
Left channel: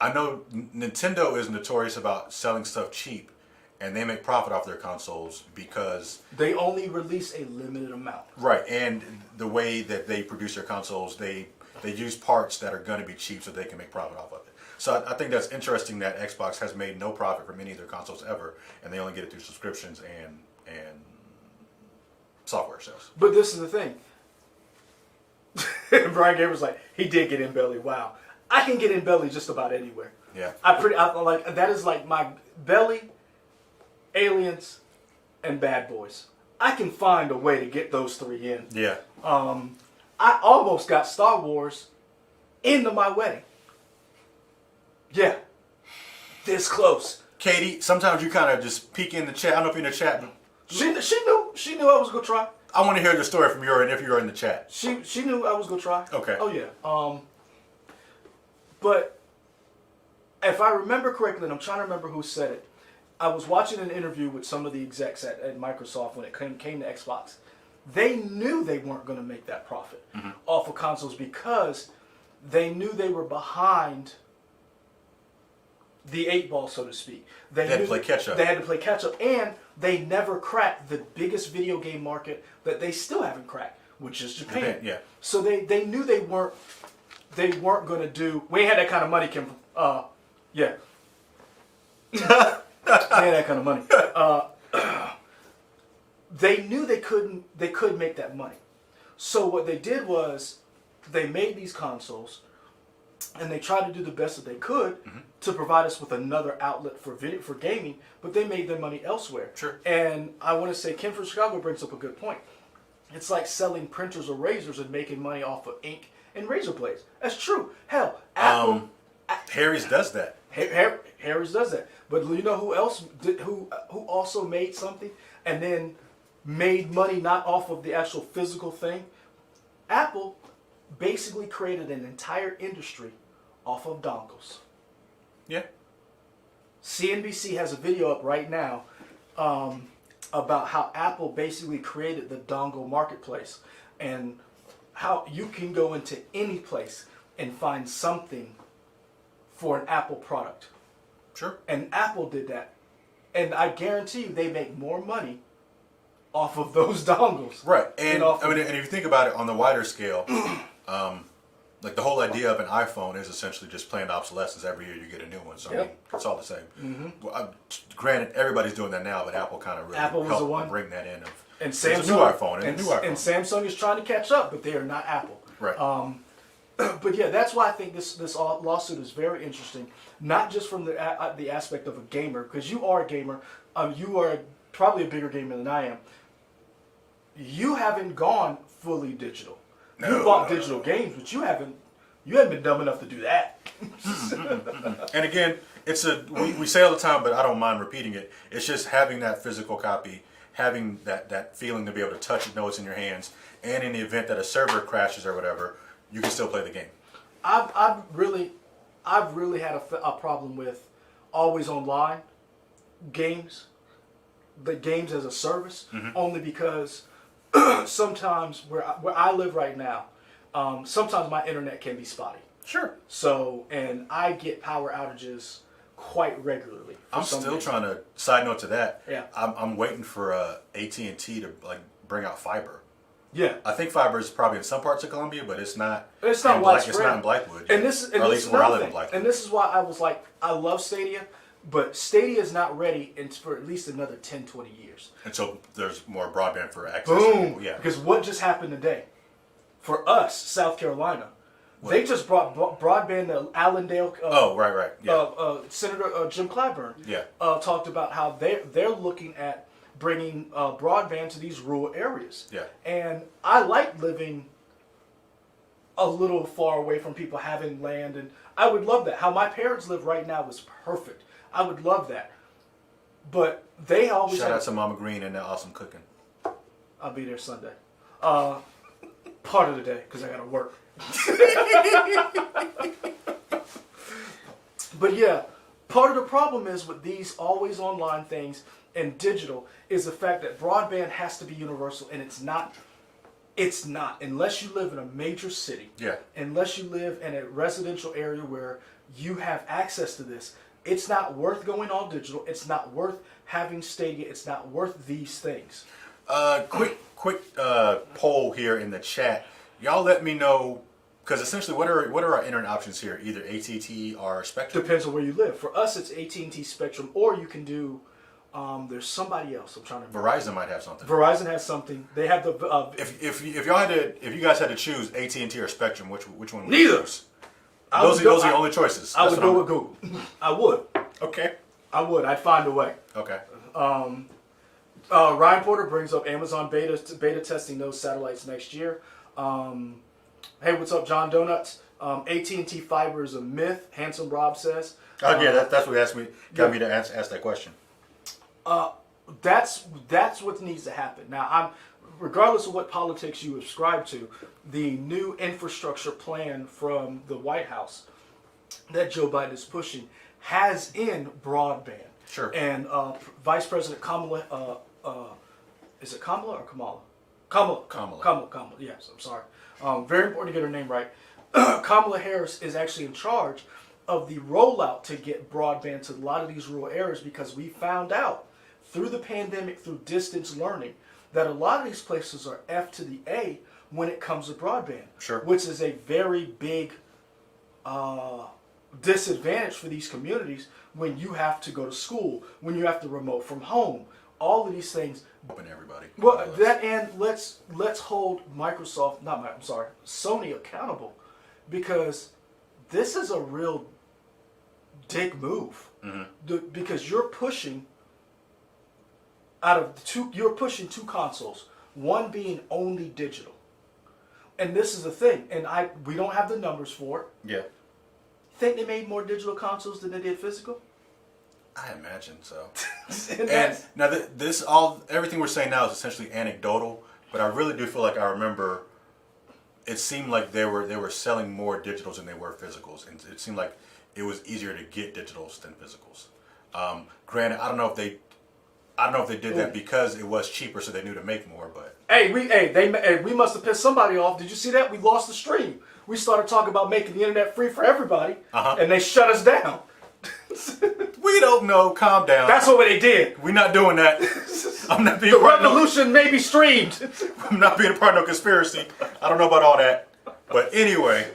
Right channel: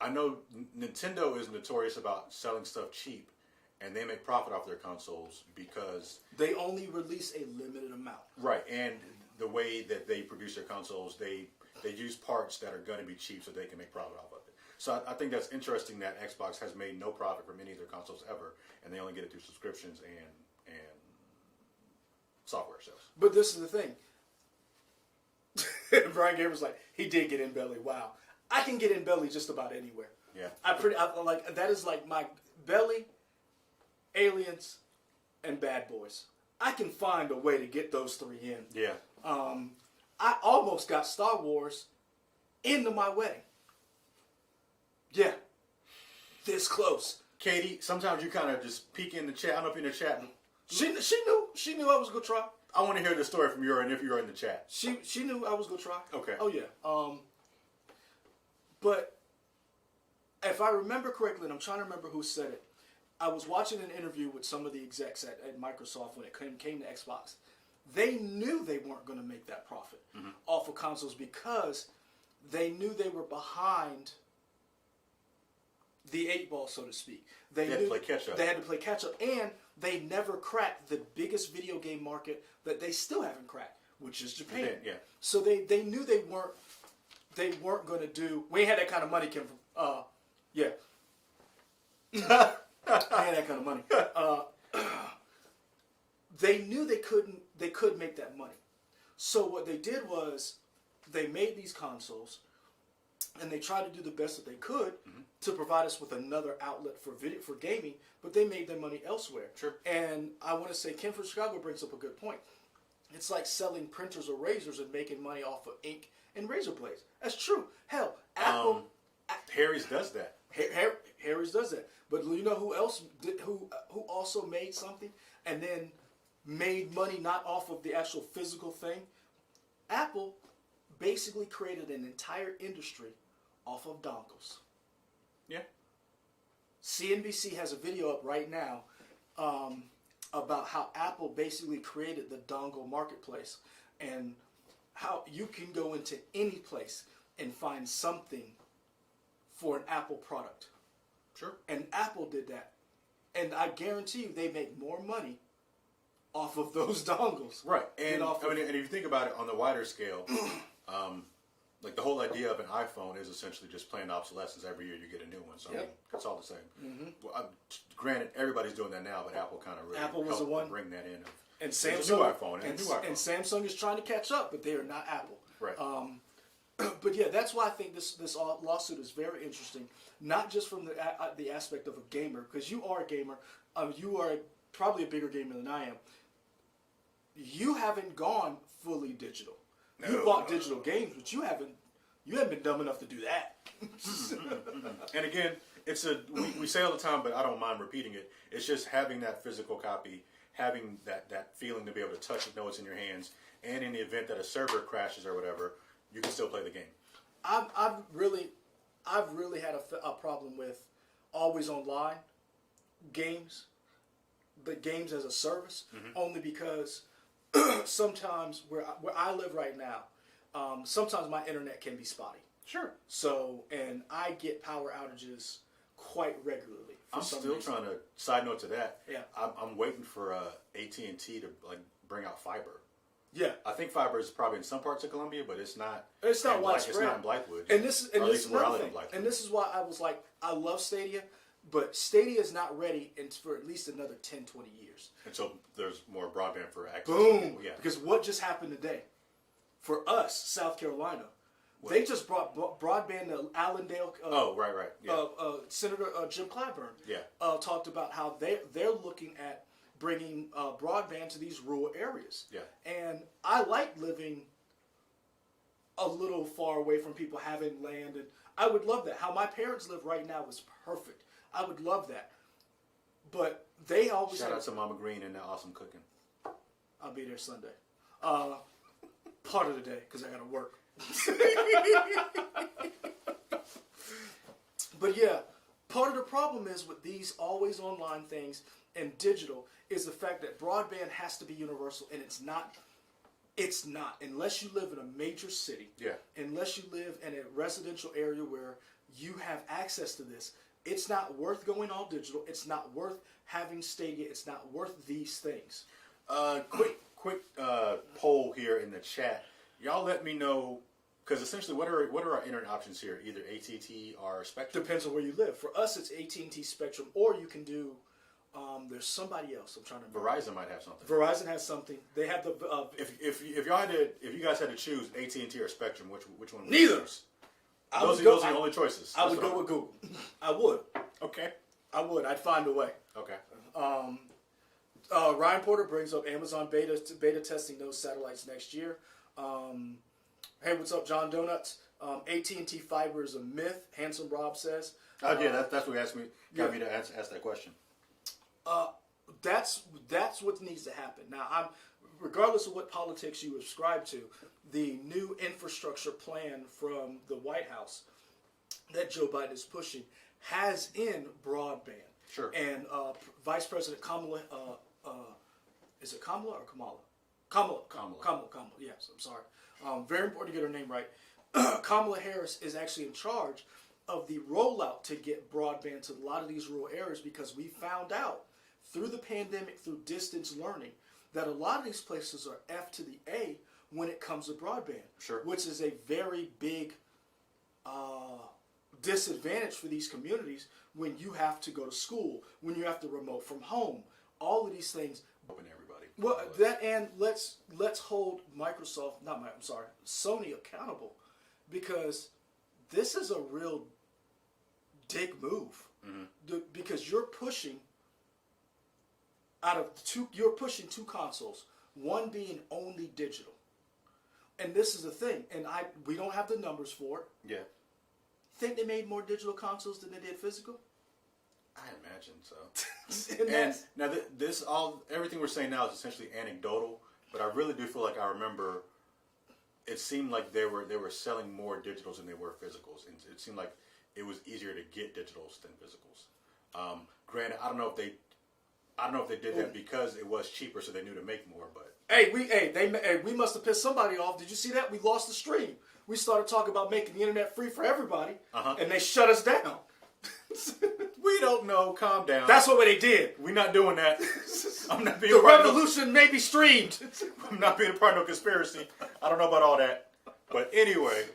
I know Nintendo is notorious about selling stuff cheap, and they make profit off their consoles because they only release a limited amount. Right, and the way that they produce their consoles, they use parts that are going to be cheap so they can make profit off of it. So I think that's interesting that Xbox has made no profit from any of their consoles ever, and they only get it through subscriptions and software sales. But this is the thing. And Brian Gabriel's like, he did get in belly. Wow, I can get in belly just about anywhere. Yeah, I like that is like my belly, Aliens, and Bad Boys. I can find a way to get those three in. Yeah. I almost got Star Wars into my wedding. Yeah, this close. Katie, sometimes you kind of just peek in the chat. I don't know if you're in the chat, but She knew I was gonna try. I want to hear the story from your end if you're in the chat. She knew I was gonna try. Okay. Oh yeah. But if I remember correctly, and I'm trying to remember who said it, I was watching an interview with some of the execs at Microsoft when it came to Xbox. They knew they weren't going to make that profit off of consoles because they knew they were behind the 8 ball, so to speak. They had to play catch up. They had to play catch up, and they never cracked the biggest video game market that they still haven't cracked, which is Japan. Yeah. So they knew they weren't going to do. We ain't had that kind of money, Kim. Yeah. They had that kind of money. They knew they couldn't make that money. So what they did was they made these consoles and they tried to do the best that they could to provide us with another outlet for gaming, but they made their money elsewhere. Sure. And I want to say Ken from Chicago brings up a good point. It's like selling printers or razors and making money off of ink and razor blades. That's true. Hell, Apple Harry's does that. Harry's does that. But you know who else who also made something and then made money not off of the actual physical thing? Apple basically created an entire industry off of dongles. Yeah. CNBC has a video up right now about how Apple basically created the dongle marketplace and how you can go into any place and find something for an Apple product. Sure. And Apple did that. And I guarantee you they make more money off of those dongles. Right. And and if you think about it on the wider scale, like the whole idea of an iPhone is essentially just planned obsolescence. Every year you get a new one. So I mean, it's all the same. Well, granted, everybody's doing that now, but Apple kind of really helped bring that in. And Samsung, new iPhone, and a new iPhone. And Samsung is trying to catch up, but they are not Apple. Right. But yeah, that's why I think this lawsuit is very interesting. Not just from the aspect of a gamer, because you are a gamer. You are probably a bigger gamer than I am. You haven't gone fully digital. You bought digital games, but you haven't been dumb enough to do that. And again, we say all the time, but I don't mind repeating it. It's just having that physical copy, having that feeling to be able to touch it, know it's in your hands, and in the event that a server crashes or whatever, you can still play the game. I've really had a problem with always online games, the games as a service, only because sometimes where I live right now, sometimes my internet can be spotty. Sure. So, and I get power outages quite regularly. I'm still trying to, side note to that, yeah. I'm waiting for AT&T to bring out fiber. Yeah. I think fiber is probably in some parts of Columbia, but it's not widespread. It's not in Blackwood. And this is, or at least where I live in Blackwood. And this is why I was like, I love Stadia, but Stadia is not ready for at least another 10, 20 years. Until there's more broadband for access. Boom. Yeah. Because what just happened today? For us, South Carolina, they just brought broadband to Allendale. Right. Yeah. Senator Jim Clyburn. Yeah. Talked about how they're looking at bringing broadband to these rural areas. Yeah. And I like living a little far away from people having land, and I would love that. How my parents live right now is perfect. I would love that. But they always shout out to Mama Green and their awesome cooking. I'll be there Sunday. Part of the day because I gotta work. But yeah, part of the problem is with these always online things and digital is the fact that broadband has to be universal, and it's not. It's not unless you live in a major city. Yeah. Unless you live in a residential area where you have access to this, it's not worth going all digital. It's not worth having Stadia. It's not worth these things. Quick poll here in the chat. Y'all let me know, because essentially, what are our internet options here? Either AT&T or Spectrum. Depends on where you live. For us, it's AT&T Spectrum, or you can do. There's somebody else. I'm trying to. Verizon might have something. Verizon has something. They have the. If you guys had to choose AT&T or Spectrum, which one? Would Neither. You choose? Those are the only choices. I would go with Google. I would. Okay. I would. I'd find a way. Okay. Ryan Porter brings up Amazon beta testing those satellites next year. Hey, what's up, John Donuts? AT&T fiber is a myth. Handsome Rob says. Yeah, that's what got me to ask that question. That's what needs to happen. Now, regardless of what politics you ascribe to, the new infrastructure plan from the White House that Joe Biden is pushing has in broadband. Sure. And Vice President Kamala, is it Kamala or Kamala? Kamala. Yes, I'm sorry. Very important to get her name right. Kamala Harris is actually in charge of the rollout to get broadband to a lot of these rural areas, because we found out through the pandemic, through distance learning, that a lot of these places are F to the A when it comes to broadband. Sure. Which is a very big disadvantage for these communities when you have to go to school, when you have to remote from home. All of these things. Open everybody. Well, that, and let's hold Sony accountable, because this is a real dick move. Mm-hmm. Because you're pushing two consoles, one being only digital. And this is the thing, and we don't have the numbers for it. Yeah. Think they made more digital consoles than they did physical? I imagine so. and now everything we're saying now is essentially anecdotal, but I really do feel like I remember it seemed like they were selling more digitals than they were physicals, and it seemed like it was easier to get digitals than physicals. Granted, I don't know if they did that because it was cheaper, so they knew to make more. But we must have pissed somebody off. Did you see that? We lost the stream. We started talking about making the internet free for everybody, and they shut us down. We don't know. Calm down. That's what they did. We're not doing that. I'm not being. The revolution may be streamed. I'm not being a part of no conspiracy. I don't know about all that. But anyway,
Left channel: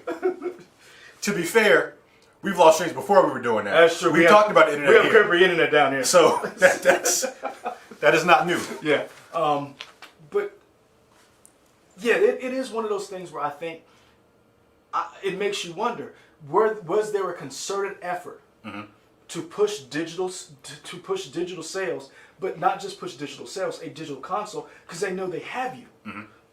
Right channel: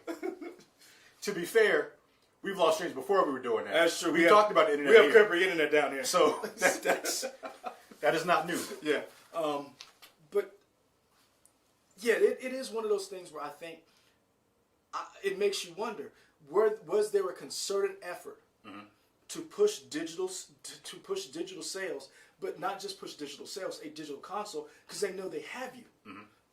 to be fair, we've lost streams before we were doing that. That's true. We talked about internet. We have Capri internet down here. So that is not new. Yeah. But yeah, it is one of those things where I think it makes you wonder, was there a concerted effort to push digital sales, but not just push digital sales, a digital console, because they know they have you.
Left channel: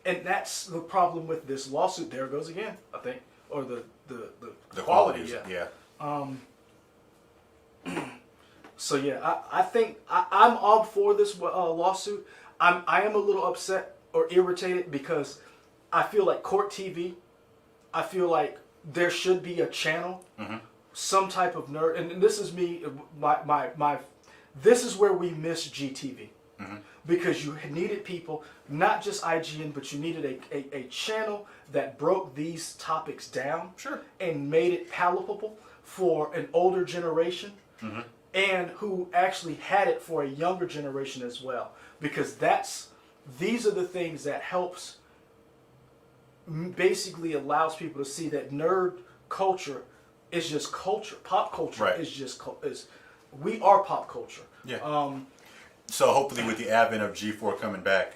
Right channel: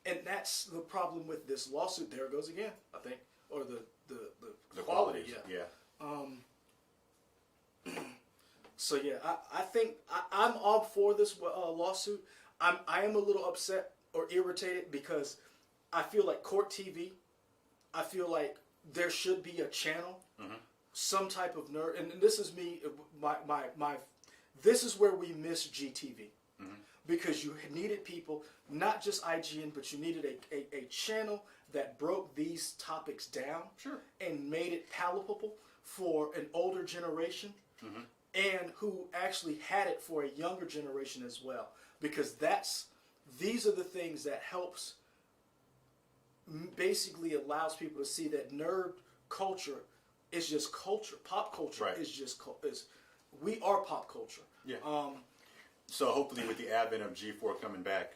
And that's the problem with this lawsuit. There it goes again, I think, or the quality. Yeah. So yeah, I think I'm all for this lawsuit. I am a little upset or irritated because I feel like court TV. I feel like there should be a channel, some type of nerd, and this is me. This is where we miss GTV, because you needed people, not just IGN, but you needed a channel that broke these topics down, and made it palatable for an older generation, and who actually had it for a younger generation as well, because these are the things that helps, basically allows people to see that nerd culture is just culture. Pop culture is just we are pop culture. Yeah. So hopefully, with the advent of G4 coming back,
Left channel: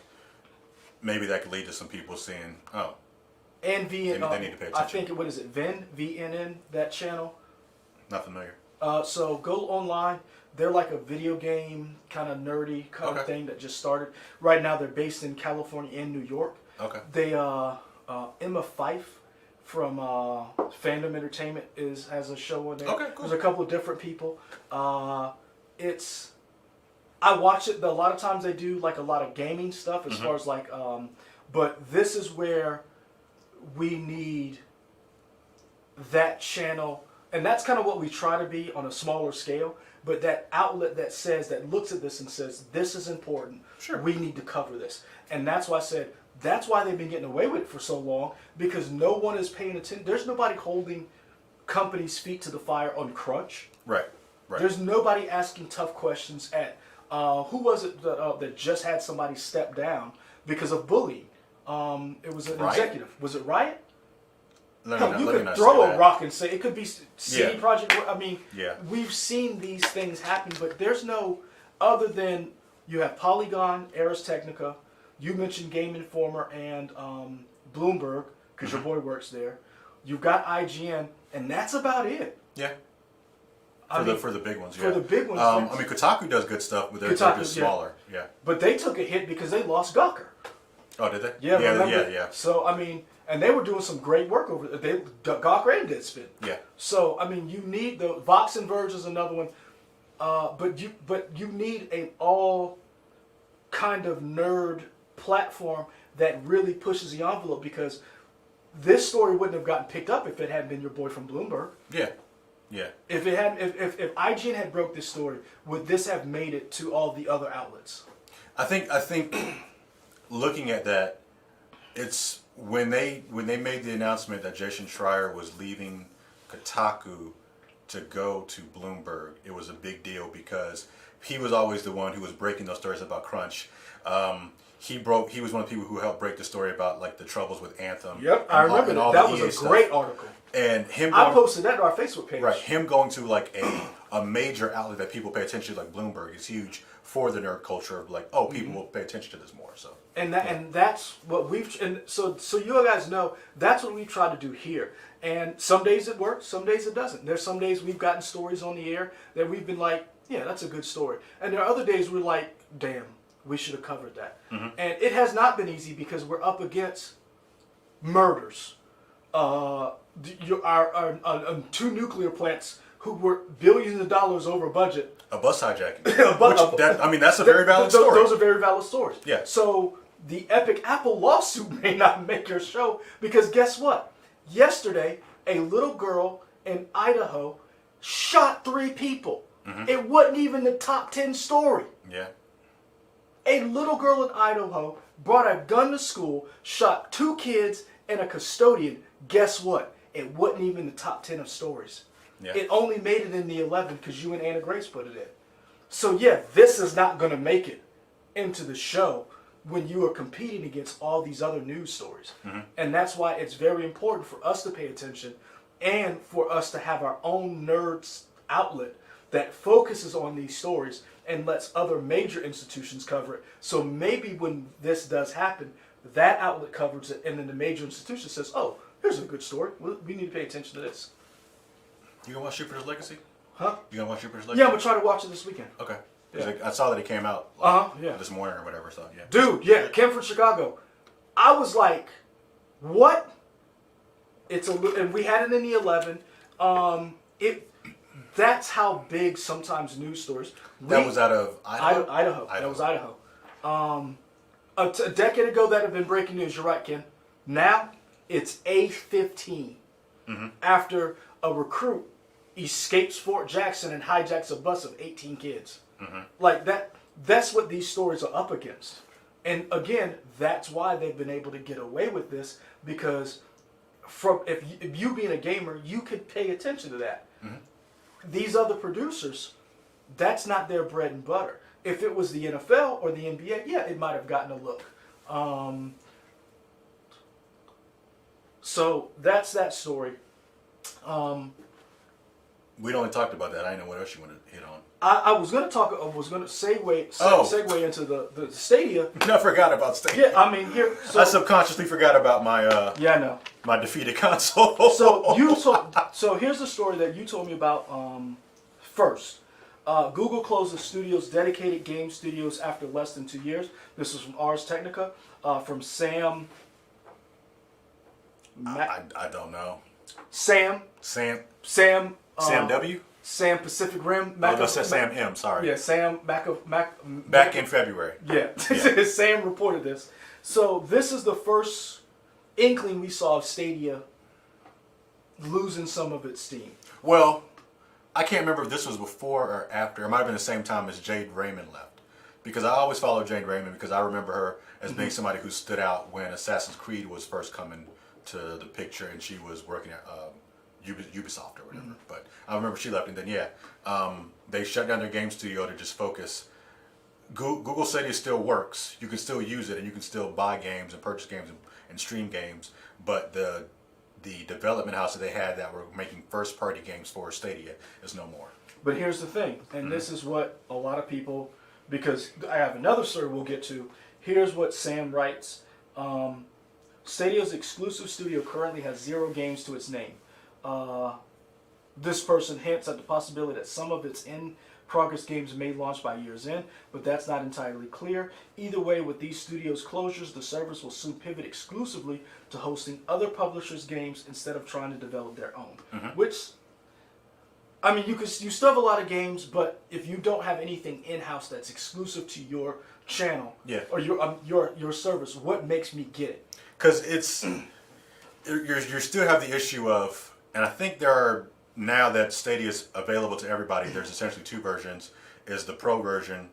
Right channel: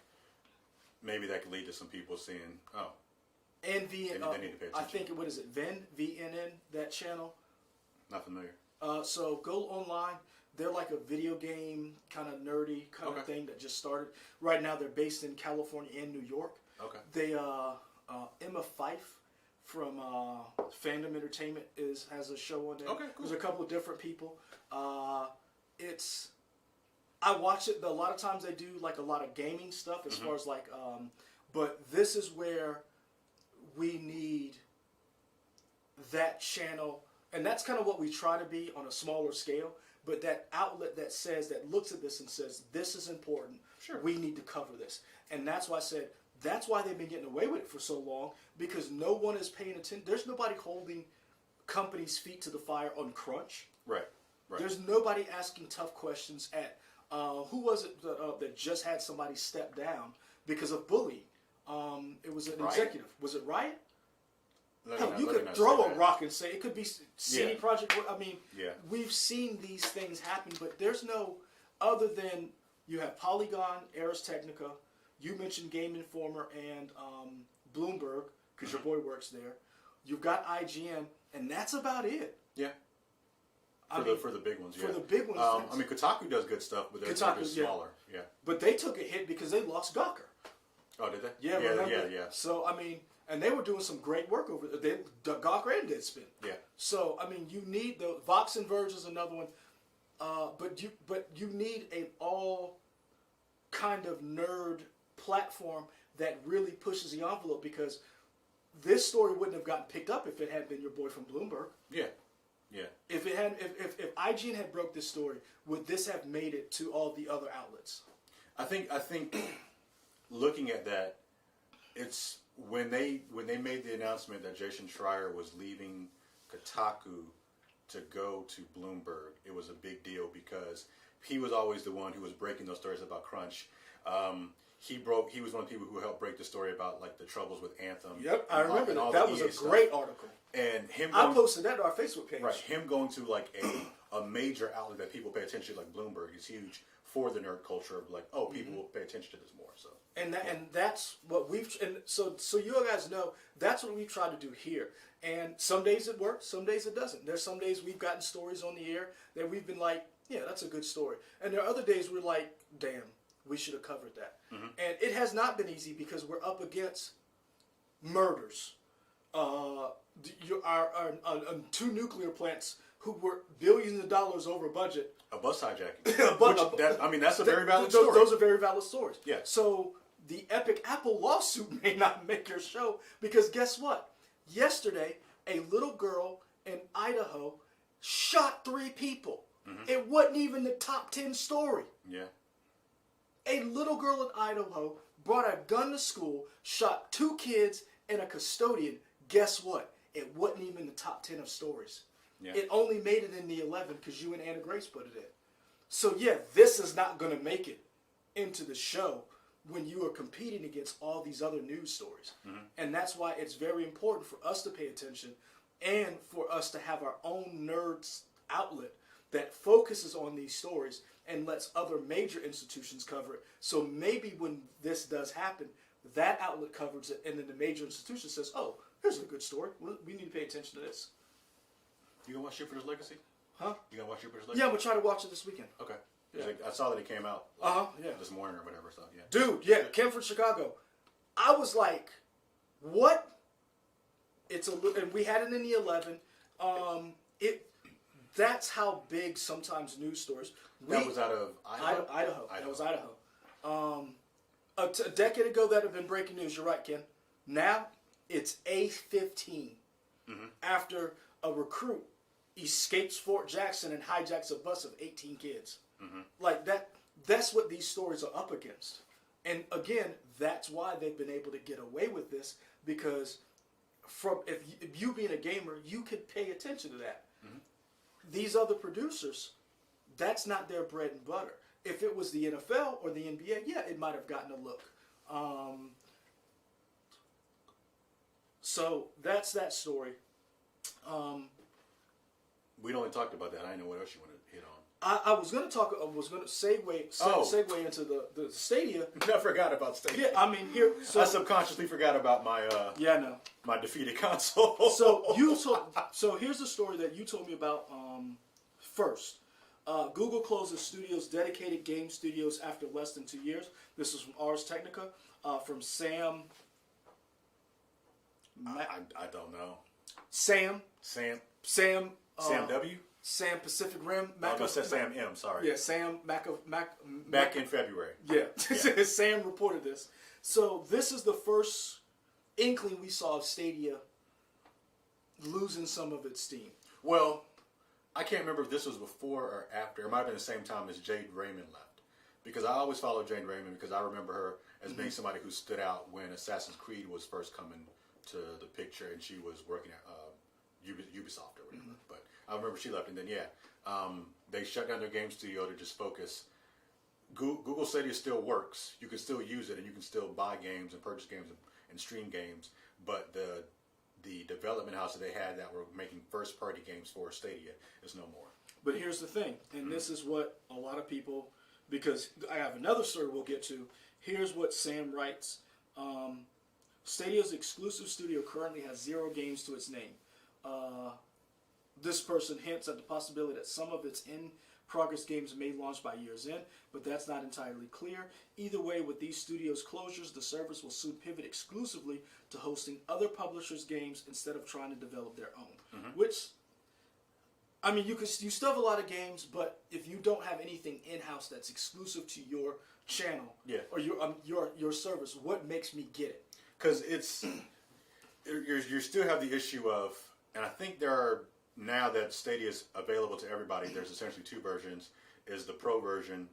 maybe that could lead to some people seeing, and they need to pay attention. I think what is it, VNN, that channel. Not familiar. So go online. They're like a video game kind of nerdy kind of thing that just started. Right now, they're based in California and New York. Okay. They Emma Fyffe from Fandom Entertainment has a show on there. Okay, cool. There's a couple of different people. I watch it. A lot of times they do like a lot of gaming stuff as far as like, but this is where we need that channel, and that's kind of what we try to be on a smaller scale. But that outlet that looks at this and says, this is important. Sure. We need to cover this, and that's why I said. That's why they've been getting away with it for so long, because no one is paying attention. There's nobody holding companies' feet to the fire on crunch. Right. There's nobody asking tough questions at, who was it that just had somebody step down because of bullying? It was an executive. Was it Riot? You could throw a rock and say, it could be CD Projekt. I mean, we've seen these things happen, but there's no, other than you have Polygon, Ars Technica. You mentioned Game Informer and Bloomberg, because your boy works there. You've got IGN, and that's about it. Yeah. For the big ones, yeah. For the big ones. I mean, Kotaku does good stuff, but they're just smaller. Yeah. But they took a hit because they lost Gawker. Oh, did they? Yeah, yeah. So, I mean, and they were doing some great work over there. Gawker and Deadspin. Yeah. So, I mean, you need the Vox and Verge is another one. But you need an all kind of nerd platform that really pushes the envelope, because this story wouldn't have gotten picked up if it hadn't been your boy from Bloomberg. Yeah. If IGN had broke this story, would this have made it to all the other outlets? I think looking at that, it's when they made the announcement that Jason Schreier was leaving Kotaku to go to Bloomberg, it was a big deal, because he was always the one who was breaking those stories about crunch. He was one of the people who helped break the story about like the troubles with Anthem. Yep, I remember that. That was a great article. And I posted that on our Facebook page. Right, him going to like a major outlet that people pay attention to, like Bloomberg, is huge for the nerd culture of like, people will pay attention to this more. So and that's what so you guys know that's what we try to do here. And some days it works, some days it doesn't. There's some days we've gotten stories on the air that we've been like, yeah, that's a good story. And there are other days we're like, damn, we should have covered that. And it has not been easy, because we're up against murders. Our 2 nuclear plants who were billions of dollars over budget. A bus hijacking. That's a very valid story. Those are very valid stories. Yeah. So the Epic Apple lawsuit may not make your show, because guess what? Yesterday, a little girl in Idaho shot 3 people. It wasn't even the top 10 story. Yeah. A little girl in Idaho brought a gun to school, shot 2 kids and a custodian. Guess what? It wasn't even the top 10 of stories. Yeah. It only made it in the 11 because you and Anna Grace put it in. So yeah, this is not going to make it into the show when you are competing against all these other news stories. And that's why it's very important for us to pay attention, and for us to have our own nerds outlet that focuses on these stories and lets other major institutions cover it. So maybe when this does happen, that outlet covers it, and then the major institution says, oh, here's a good story. We need to pay attention to this. You gonna watch Jupiter's Legacy? Huh? You gonna watch Jupiter's Legacy? Yeah, I'm gonna try to watch it this weekend. Okay. Yeah. I saw that it came out this morning or whatever. So yeah. Dude, yeah, Kim from Chicago. I was like, what? And we had it in the 11. That's how big sometimes news stories. That was out of Idaho? Idaho. That was Idaho. A decade ago, that had been breaking news. You're right, Ken. Now, it's A15. After a recruit escapes Fort Jackson and hijacks a bus of 18 kids. Like that's what these stories are up against. And again, that's why they've been able to get away with this, because if you being a gamer, you could pay attention to that. These other producers, that's not their bread and butter. If it was the NFL or the NBA, yeah, it might have gotten a look. So that's that story. We'd only talked about that. I didn't know what else you wanted to hit on. I was going to segue into the Stadia. I forgot about Stadia. Yeah, I mean, here. So, I subconsciously forgot about my yeah, I know. my defeated console. So here's the story that you told me about first. Google closes studios, dedicated game studios, after less than 2 years. This is from Ars Technica, from Sam. I don't know. Sam W. Sam Pacific Rim. Sam M. Sorry. Yeah, Sam Back in February. Yeah, Yeah. Sam reported this. So this is the first inkling we saw of Stadia losing some of its steam. Well, I can't remember if this was before or after. It might have been the same time as Jade Raymond left, because I always followed Jade Raymond because I remember her as being somebody who stood out when Assassin's Creed was first coming to the picture, and she was working at Ubisoft or whatever. But I remember she left, and then they shut down their game studio to just focus. Google Stadia still works. You can still use it, and you can still buy games and purchase games and stream games. But the development house that they had that were making first party games for Stadia is no more. But here's the thing, and this is what a lot of people, because I have another story we'll get to. Here's what Sam writes. Stadia's exclusive studio currently has 0 games to its name. This person hints at the possibility that some of its in-progress games may launch by year's end, but that's not entirely clear. Either way, with these studios' closures, the service will soon pivot exclusively to hosting other publishers' games instead of trying to develop their own. Which, I mean, you still have a lot of games, but if you don't have anything in-house that's exclusive to your channel or your service, what makes me get it? Because it's you still have the issue of, and I think there are, now that Stadia is available to everybody, there's essentially 2 versions. Is the Pro version,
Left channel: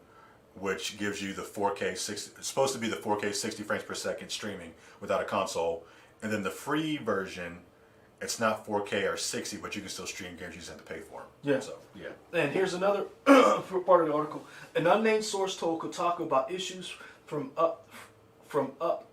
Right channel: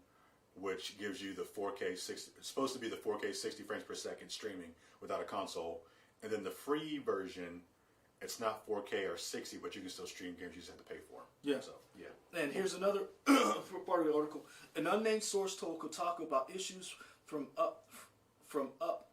which gives you the 4K 60, it's supposed to be the 4K 60 frames per second streaming without a console, and then the free version, it's not 4K or 60, but you can still stream games. You just have to pay for them. Yeah. So yeah. And here's another part of the article. An unnamed source told Kotaku about issues from up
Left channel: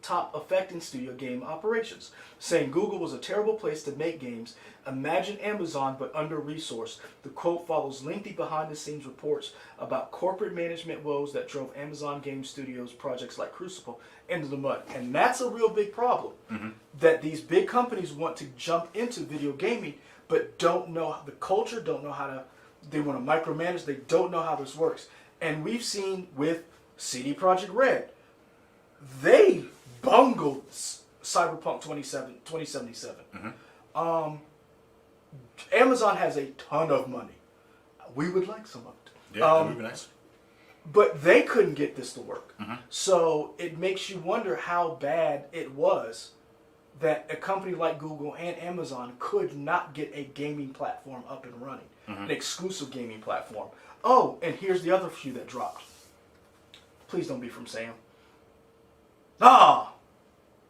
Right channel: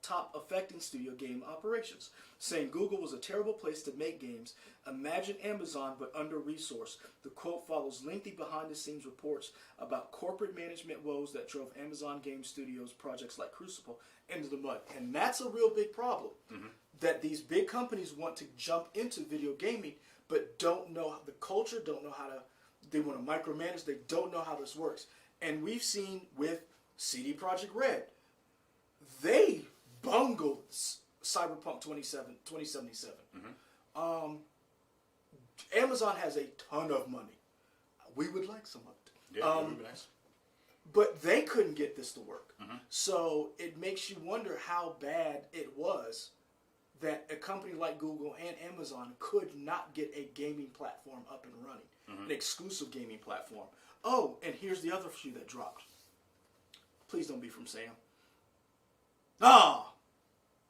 top affecting studio game operations, saying Google was a terrible place to make games. Imagine Amazon, but under-resourced. The quote follows lengthy behind-the-scenes reports about corporate management woes that drove Amazon Game Studios projects like Crucible into the mud. And that's a real big problem, that these big companies want to jump into video gaming, but don't know the culture, don't know how to, they want to micromanage, they don't know how this works. And we've seen with CD Projekt Red, they bungled Cyberpunk 2077. Amazon has a ton of money. We would like some of it. Yeah, that would be nice. But they couldn't get this to work. So it makes you wonder how bad it was that a company like Google and Amazon could not get a gaming platform up and running. An exclusive gaming platform. Oh, and here's the other few that dropped. Please don't be from Sam.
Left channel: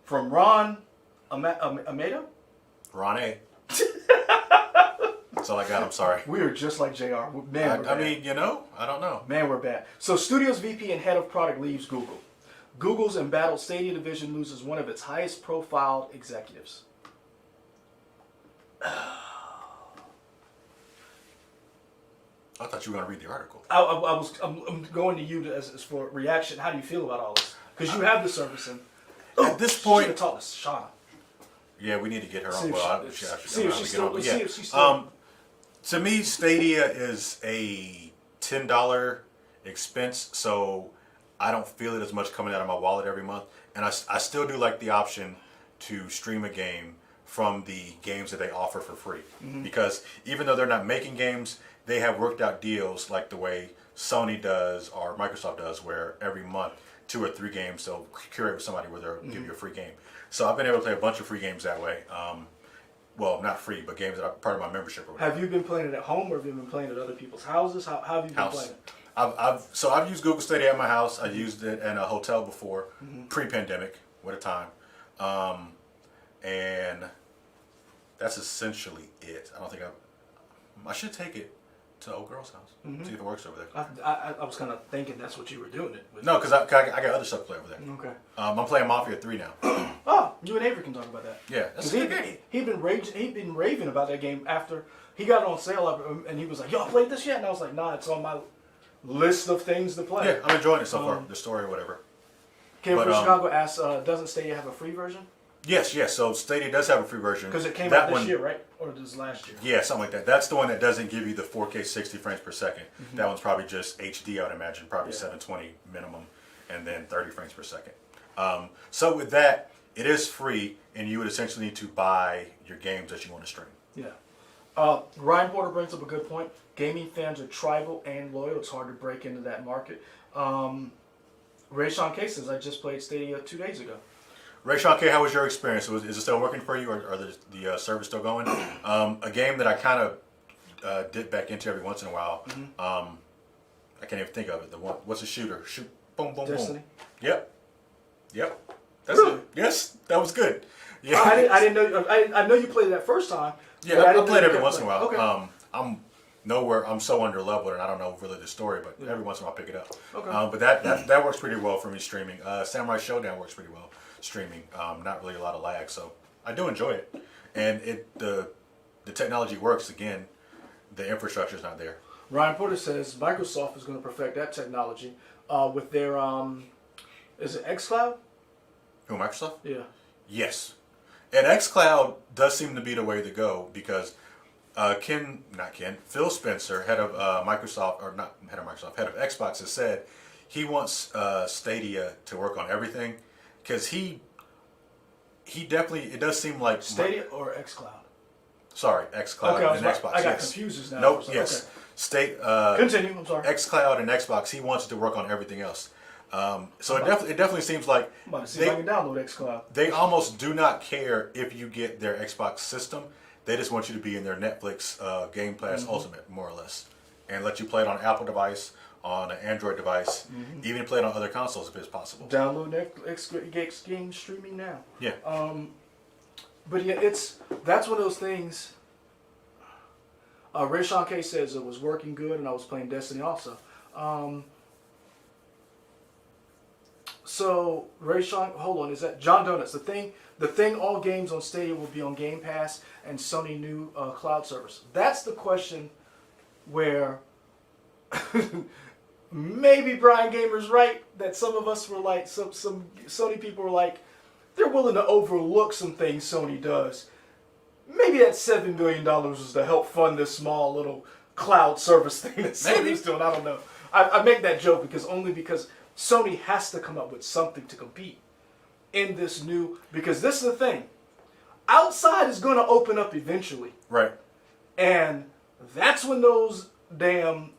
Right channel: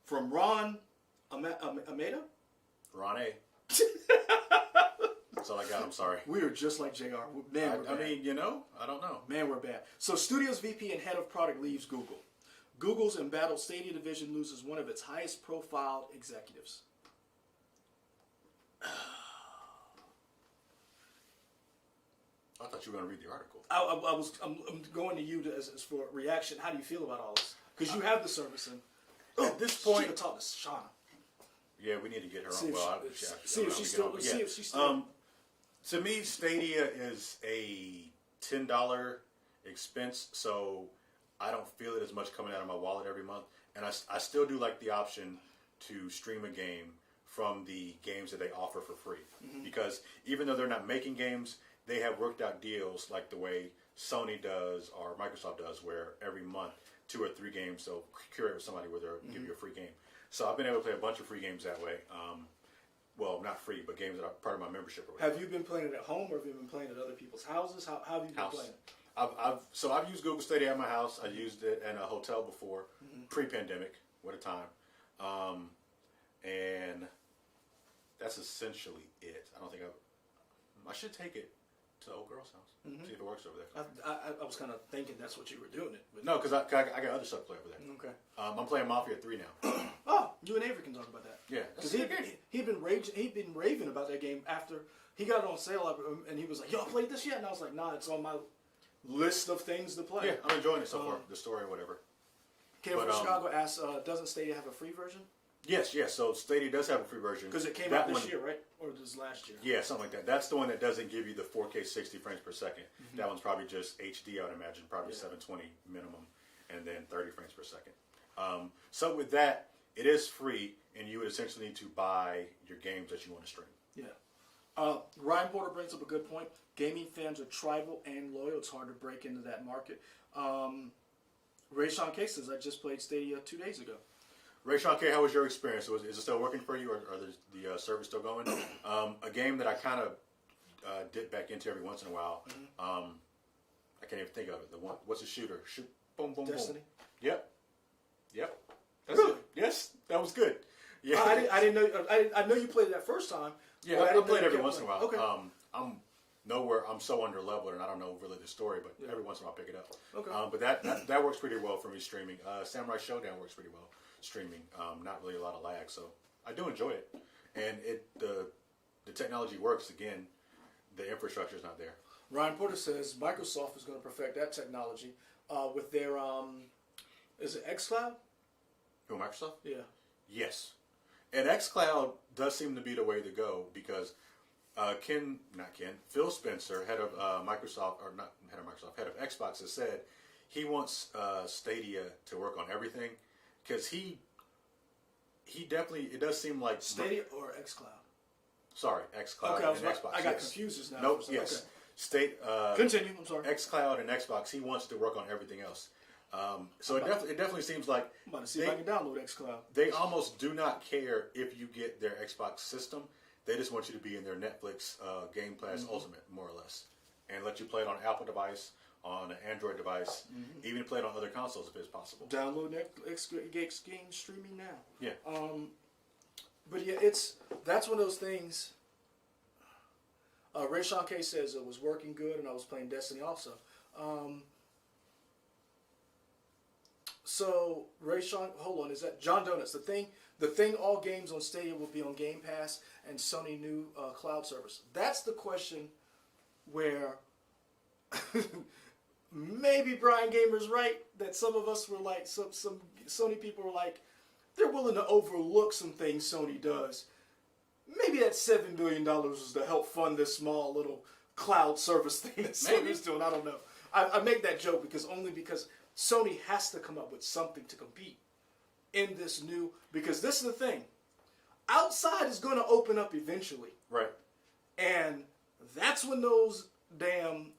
From Ron Ameda? Ron A. That's all I got. I'm sorry. We are just like JR. Man, I mean, I don't know. Man, we're bad. So Studios VP and head of product leaves Google. Google's embattled Stadia division loses one of its highest profiled executives. I thought you were going to read the article. I'm going to you as for reaction. How do you feel about all this? Because you have the service, and at this point, talk to Shauna. Yeah, we need to get her See on. if Well, see if she's still. See if she's still. To me, Stadia is a $10 expense, so I don't feel it as much coming out of my wallet every month. And I still do like the option to stream a game from the games that they offer for free. Because even though they're not making games, they have worked out deals like the way Sony does or Microsoft does, where every month 2 or 3 games they'll curate with somebody where they'll give you a free game. So I've been able to play a bunch of free games that way. Well, not free, but games that are part of my membership. Or whatever. Have you been playing it at home, or have you been playing it at other people's houses? How have you been playing it? I've used Google Stadia at my house. I used it in a hotel before, pre-pandemic, with a time, and that's essentially it. I don't think I should take it to old girl's house, see if it works over there. I was kind of thinking that's what you were doing it with. No, because I got other stuff to play over there. Okay. I'm playing Mafia 3 now. Oh, you and Avery can talk about that. Yeah, that's Because a good game. he'd been raving about that game after he got it on sale, and he was like, "Y'all played this yet?" And I was like, "Nah, it's on my list of things to play." Yeah, I'm enjoying it so far. The story or whatever. Came But, from Chicago asks, doesn't Stadia have a free version? Yes. So Stadia does have a free version. Because it came That out this one- year, right? Or this last year? Yeah, something like that. That's the one that doesn't give you the 4K 60 frames per second. That one's probably just HD, I would imagine, probably 720 minimum, and then 30 frames per second. So with that, it is free, and you would essentially need to buy your games that you want to stream. Yeah. Ryan Porter brings up a good point. Gaming fans are tribal and loyal. It's hard to break into that market. Ray Sean K says, I just played Stadia 2 days ago. Ray Sean K, how was your experience? Is it still working for you, or the service still going? A game that I kind of dip back into every once in a while. I can't even think of it. What's a shooter? Shoot, boom, boom, Destiny? boom. Yep. That's Really? it. Yes, that was good. Yeah. I didn't know. I know you played it that first time. Yeah, but I didn't play it know every you once in a kept while. playing. Okay. I'm so under leveled, and I don't know really the story, but every once in a while I pick it up. Okay. But that works pretty well for me streaming. Samurai Showdown works pretty well streaming. Not really a lot of lag, so I do enjoy it. And the technology works. Again, the infrastructure is not there. Ryan Porter says Microsoft is going to perfect that technology with their is it xCloud? Who, Microsoft? Yeah. Yes. And xCloud does seem to be the way to go, because Phil Spencer, head of Microsoft, or not head of Microsoft, head of Xbox, has said he wants Stadia to work on everything, because he definitely, it does seem like Stadia or xCloud? Sorry, xCloud Okay, and Xbox. I got yes. confused now. Nope. Yes. Okay. Continue. I'm sorry. xCloud and Xbox. He wants to work on everything else. So it definitely seems like I'm about to see if I can download xCloud. they almost do not care if you get their Xbox system. They just want you to be in their Netflix Game Pass Ultimate, more or less, and let you play it on an Apple device, on an Android device, even play it on other consoles if it's possible. Download Netflix game streaming now. Yeah. But yeah, that's one of those things. Ray Sean K says it was working good, and I was playing Destiny also. So Ray Sean, hold on, is that John Donuts? The thing. All games on Stadia will be on Game Pass and Sony new cloud service. That's the question where maybe Brian Gamer's right, that some of us were like, some Sony people were like, they're willing to overlook some things Sony does. Maybe that $7 billion was to help fund this small little cloud service thing that Sony's doing. I don't know. I make that joke because Sony has to come up with something to compete in this new, because this is the thing. Outside is going to open up eventually. Right. And that's when those damn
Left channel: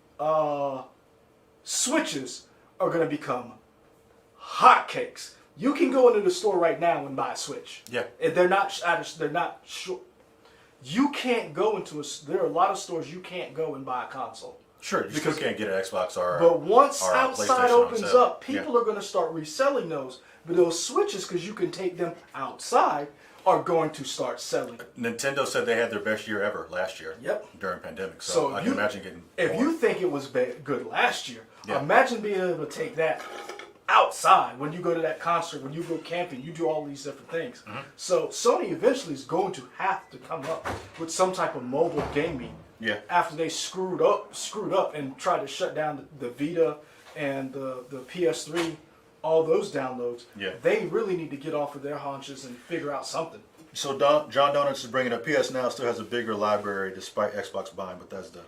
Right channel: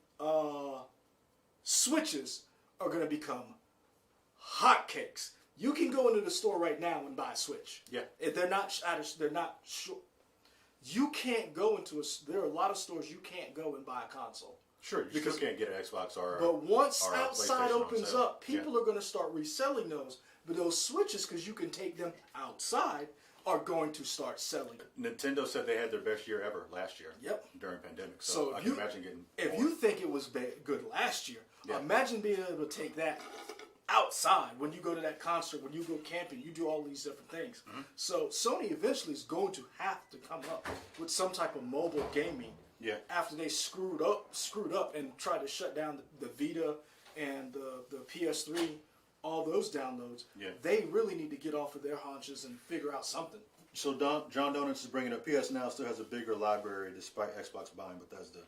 switches are going to become hotcakes. You can go into the store right now and buy a Switch. Yeah. And they're not sure. You can't go into there are a lot of stores you can't go and buy a console. Sure, you still can't get an Xbox or But once or a outside PlayStation on opens sale. up, people are going to start reselling those. But those Switches, because you can take them outside, are going to start selling. Nintendo said they had their best year ever last year. Yep. During pandemic, so I can imagine getting. If more. you think it was good last year, Yeah. imagine being able to take that outside when you go to that concert, when you go camping, you do all these different things. So Sony eventually is going to have to come up with some type of mobile gaming. Yeah. After they screwed up and tried to shut down the Vita and the PS3, all those downloads. Yeah. They really need to get off of their haunches and figure out something. So John Donuts is bringing up PS Now still has a bigger library despite Xbox buying Bethesda.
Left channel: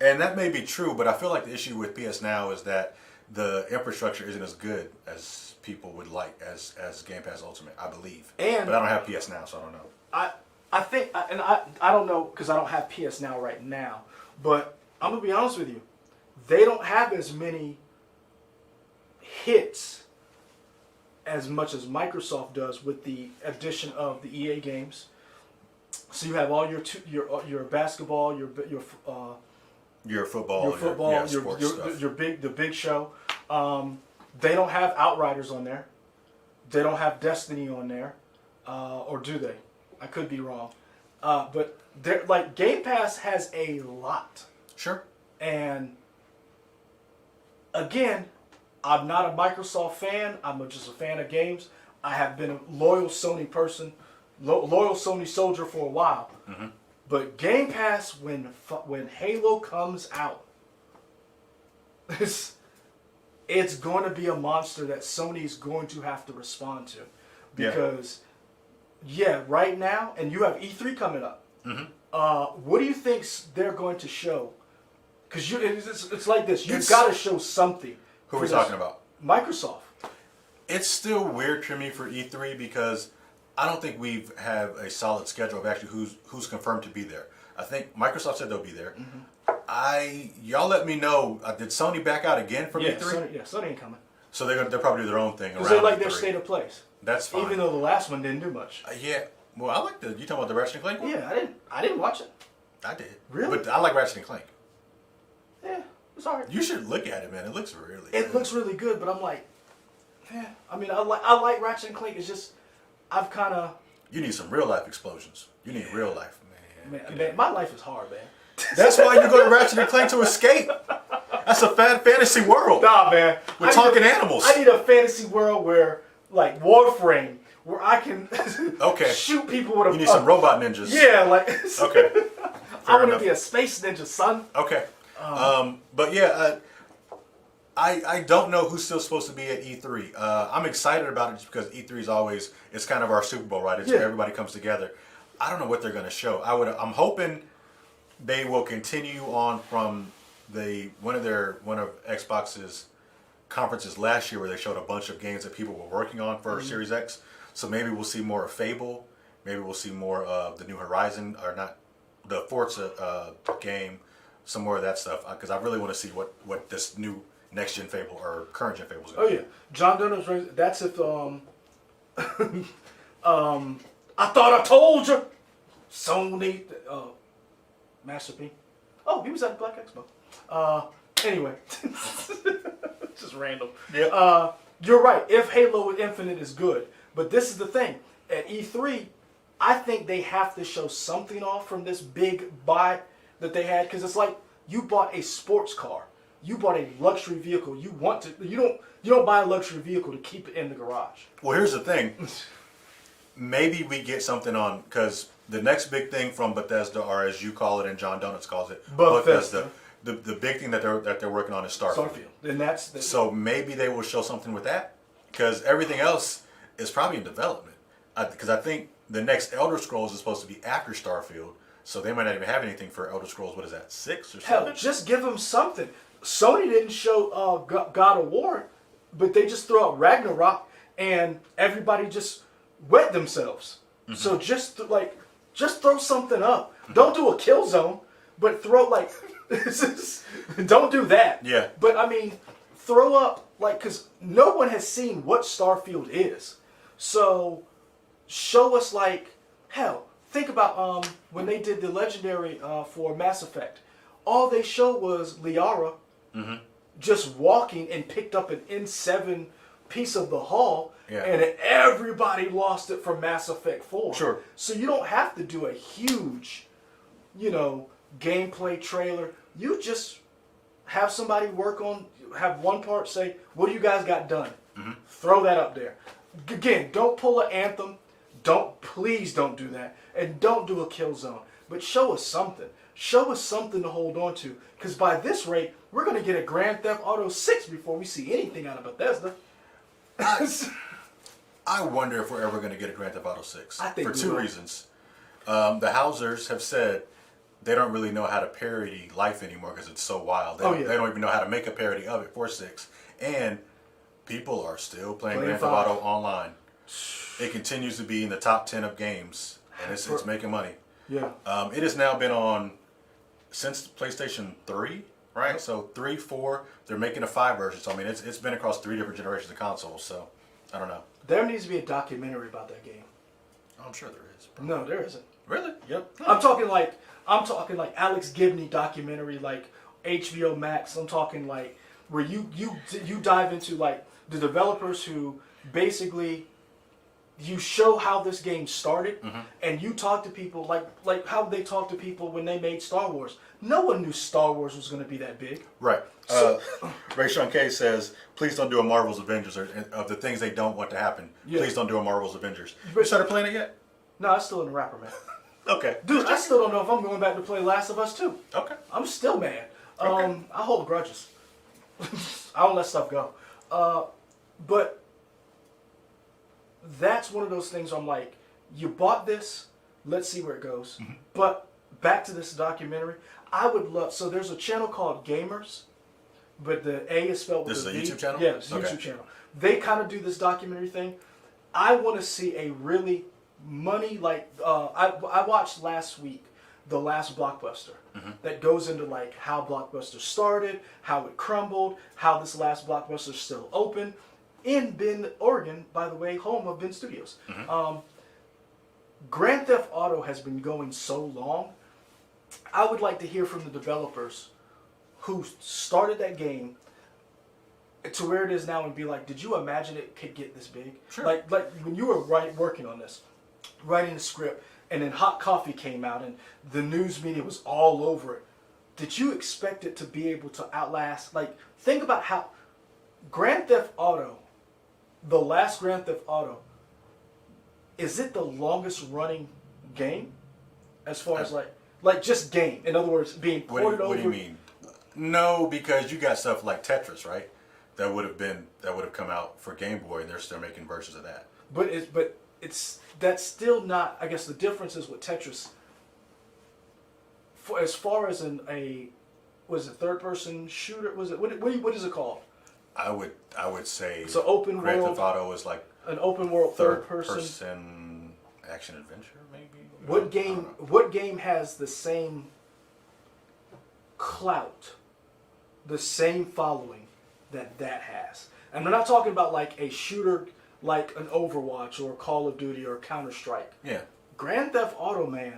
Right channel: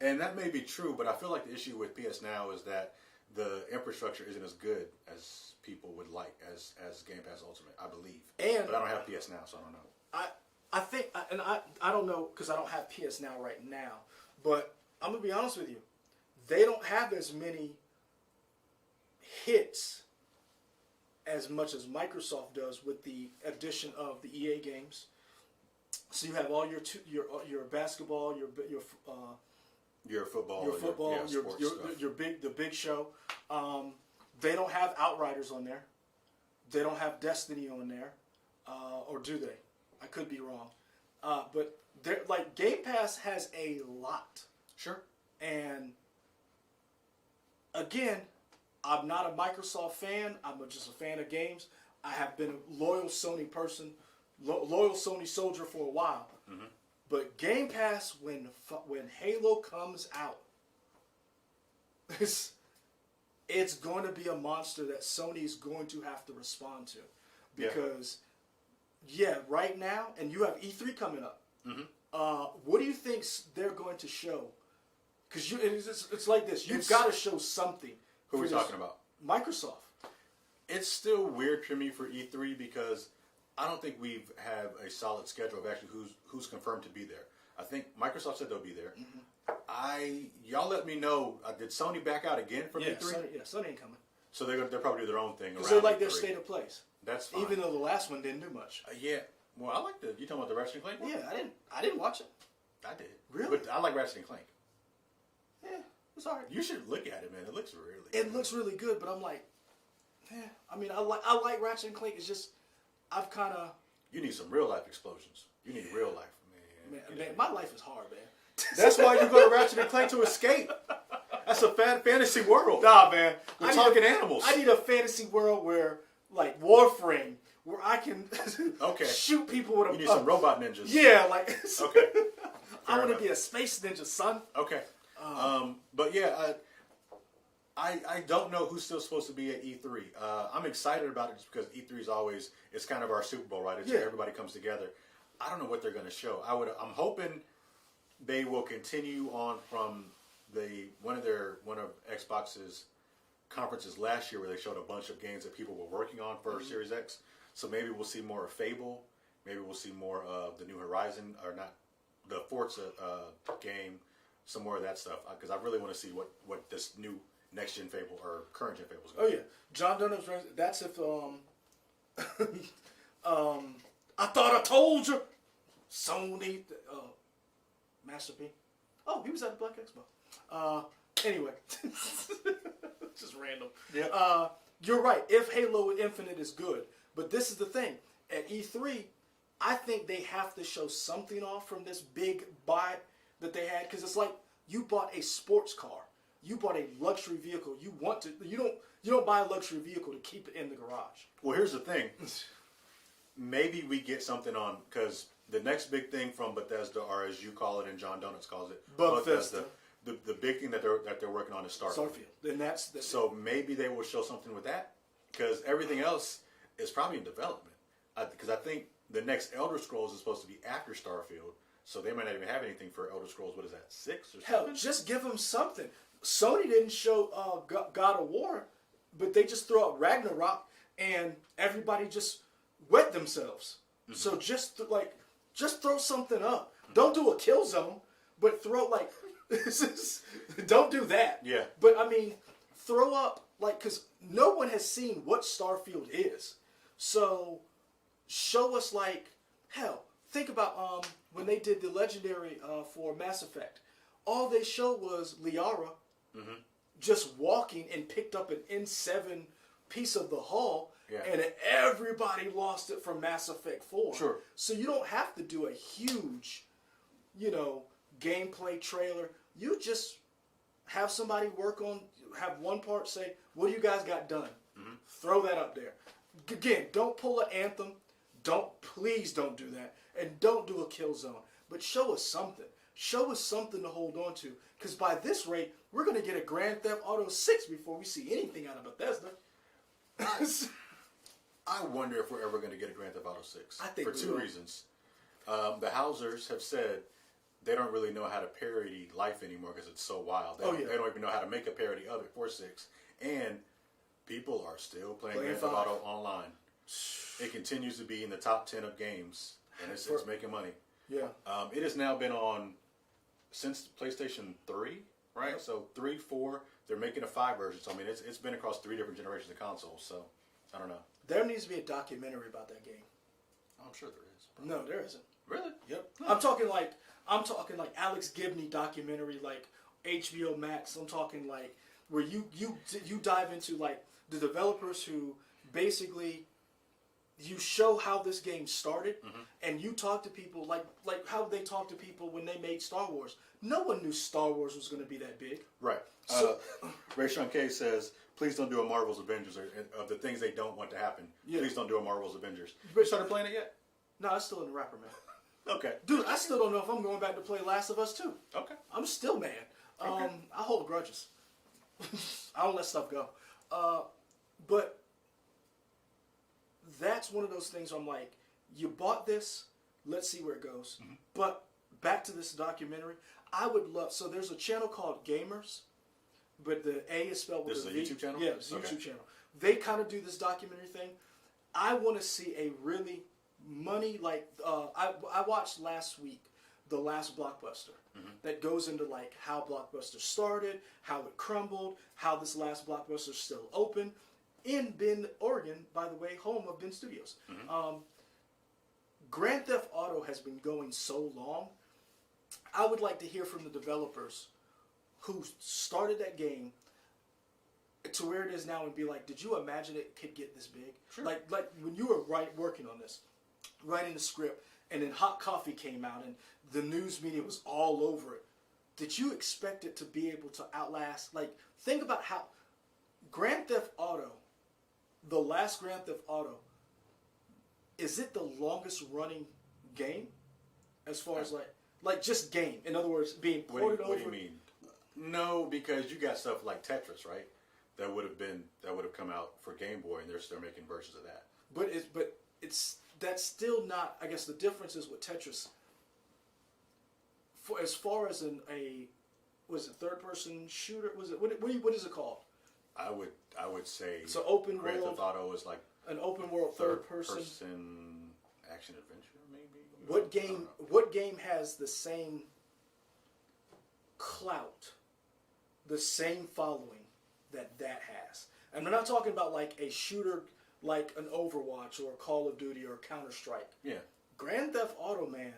And that may be true, but I feel like the issue with PS Now is that the infrastructure isn't as good as people would like as Game Pass Ultimate, I believe. But I don't have PS Now, so I don't know. I think, and I don't know because I don't have PS Now right now, but I'm going to be honest with you. They don't have as many hits as much as Microsoft does with the addition of the EA games. So you have all your basketball, your football, the big show. They don't have Outriders on there. They don't have Destiny on there, or do they? I could be wrong. But they're like Game Pass has a lot. Sure. And again, I'm not a Microsoft fan. I'm just a fan of games. I have been a loyal Sony person, loyal Sony soldier for a while. Mm-hmm. But Game Pass, when Halo comes out, it's going to be a monster that Sony's going to have to respond to. Because, right now, and you have E3 coming up. Mm-hmm. What do you think they're going to show? Because it's like this. You've got to show something. Who are we talking about? Microsoft. It's still weird for me for E3 because I don't think we have a solid schedule of actually who's confirmed to be there. I think Microsoft said they'll be there. Mm-hmm. Y'all let me know. Did Sony back out again from E3? Sony ain't coming. So they'll probably do their own thing. Because they like their state of plays. That's fine. Even though the last one didn't do much. Well, I like you talking about the Ratchet and Clank one? Yeah, I didn't watch it. I did. Really? But I like Ratchet and Clank. Yeah, it's alright. You should look at it, man. It looks really good. It looks really good, but I'm like, I mean, I like Ratchet and Clank. It's just, I've kind of... You need some real life explosions. You need real life, man. Man, my life is hard, man. That's why you go to Ratchet and Clank to escape. That's a fantasy world. Nah, man. We're talking animals. I need a fantasy world where, like Warframe, where I can shoot people with a... You need some robot ninjas. Yeah, like... Okay. I want to be a space ninja, son. Okay. But yeah, I don't know who's still supposed to be at E3. I'm excited about it just because E3 is always, it's kind of our Super Bowl, right? It's where everybody comes together. I don't know what they're going to show. I'm hoping they will continue on from one of Xbox's conferences last year where they showed a bunch of games that people were working on for Series X. So maybe we'll see more of Fable. Maybe we'll see more of the new Horizon, or not, the Forza game, some more of that stuff. Because I really want to see what this new next gen Fable or current gen Fable is going to be. John Dunham's. That's if I thought I told you. Sony, Master P. Oh, he was at the Black Expo. Anyway, just random. Yeah. You're right. If Halo Infinite is good, but this is the thing. At E3, I think they have to show something off from this big buy that they had, because it's like you bought a sports car, you bought a luxury vehicle. You don't buy a luxury vehicle to keep it in the garage. Well, here's the thing. Maybe we get something on, because the next big thing from Bethesda, or as you call it and John Donuts calls it, Bethesda. The big thing that they're working on is Starfield. And so maybe they will show something with that, because everything else is probably in development. Because I think the next Elder Scrolls is supposed to be after Starfield, so they might not even have anything for Elder Scrolls. What is that, 6 or 7? Hell, just give them something. Sony didn't show God of War, but they just throw out Ragnarok, and everybody just wet themselves. Mm-hmm. So just throw something up. Mm-hmm. Don't do a Killzone, but throw don't do that. Yeah. But I mean, throw up because no one has seen what Starfield is. So show us hell. Think about when they did the legendary for Mass Effect. All they showed was Liara just walking and picked up an N7 piece of the hull, and everybody lost it from Mass Effect 4. Sure. So you don't have to do a huge, gameplay trailer. You just have somebody have one part, say, what do you guys got done? Mm-hmm. Throw that up there. Again, don't pull an Anthem. Please don't do that. And don't do a Killzone. But show us something. Show us something to hold on to. Because by this rate, we're going to get a Grand Theft Auto 6 before we see anything out of Bethesda. I wonder if we're ever going to get a Grand Theft Auto 6. I think for we two will. reasons. The Housers have said they don't really know how to parody life anymore because it's so wild. They don't even know how to make a parody of it for 6. And people are still playing Grand Theft 5. Auto online. It continues to be in the top 10 of games, and it's making money. Yeah. It has now been on since PlayStation 3, right? So 3, 4, they're making a 5 version. So I mean, it's been across 3 different generations of consoles. So I don't know. There needs to be a documentary about that game. I'm sure there is. No, there isn't. Really? Yep. I'm talking like Alex Gibney documentary, like HBO Max. I'm talking like where you dive into like the developers who basically you show how this game started, and you talk to people like how they talk to people when they made Star Wars. No one knew Star Wars was going to be that big. Right. So, Ray Sean K says, please don't do a Marvel's Avengers, or of the things they don't want to happen. Yeah. Please don't do a Marvel's Avengers. You started playing it yet? no, it's still in the wrapper, man. Okay. Dude, I still don't know if I'm going back to play Last of Us 2. Okay. I'm still mad. Okay. I hold grudges. I don't let stuff go. But that's one of those things I'm like, you bought this, let's see where it goes. But back to this documentary, I would love, so there's a channel called Gamers, but the A is spelled with This a is a V. YouTube channel? Yeah, it's a Okay. YouTube channel. They kind of do this documentary thing. I want to see a really money, like, I watched last week The Last Blockbuster. That goes into like how Blockbuster started, how it crumbled, how this last Blockbuster is still open in Bend, Oregon, by the way, home of Bend Studios. Grand Theft Auto has been going so long. I would like to hear from the developers who started that game to where it is now and be like, did you imagine it could get this big? Sure. Like when you were working on this, writing the script, and then Hot Coffee came out and the news media was all over it. Did you expect it to be able to outlast? Like, think about how Grand Theft Auto, the last Grand Theft Auto, is it the longest running game? As far as like just game. In other words, being ported over. What do you mean? No, because you got stuff like Tetris, right? That would have come out for Game Boy, and they're still making versions of that. But that's still not. I guess the difference is with Tetris. For as far as was it third person shooter? Was it what is it called? I would say It's an open Grand world. Theft Auto is like An open world third person action adventure, maybe. What game has the same clout, the same following that has? And we're not talking about like a shooter like an Overwatch or Call of Duty or Counter-Strike. Yeah. Grand Theft Auto, man.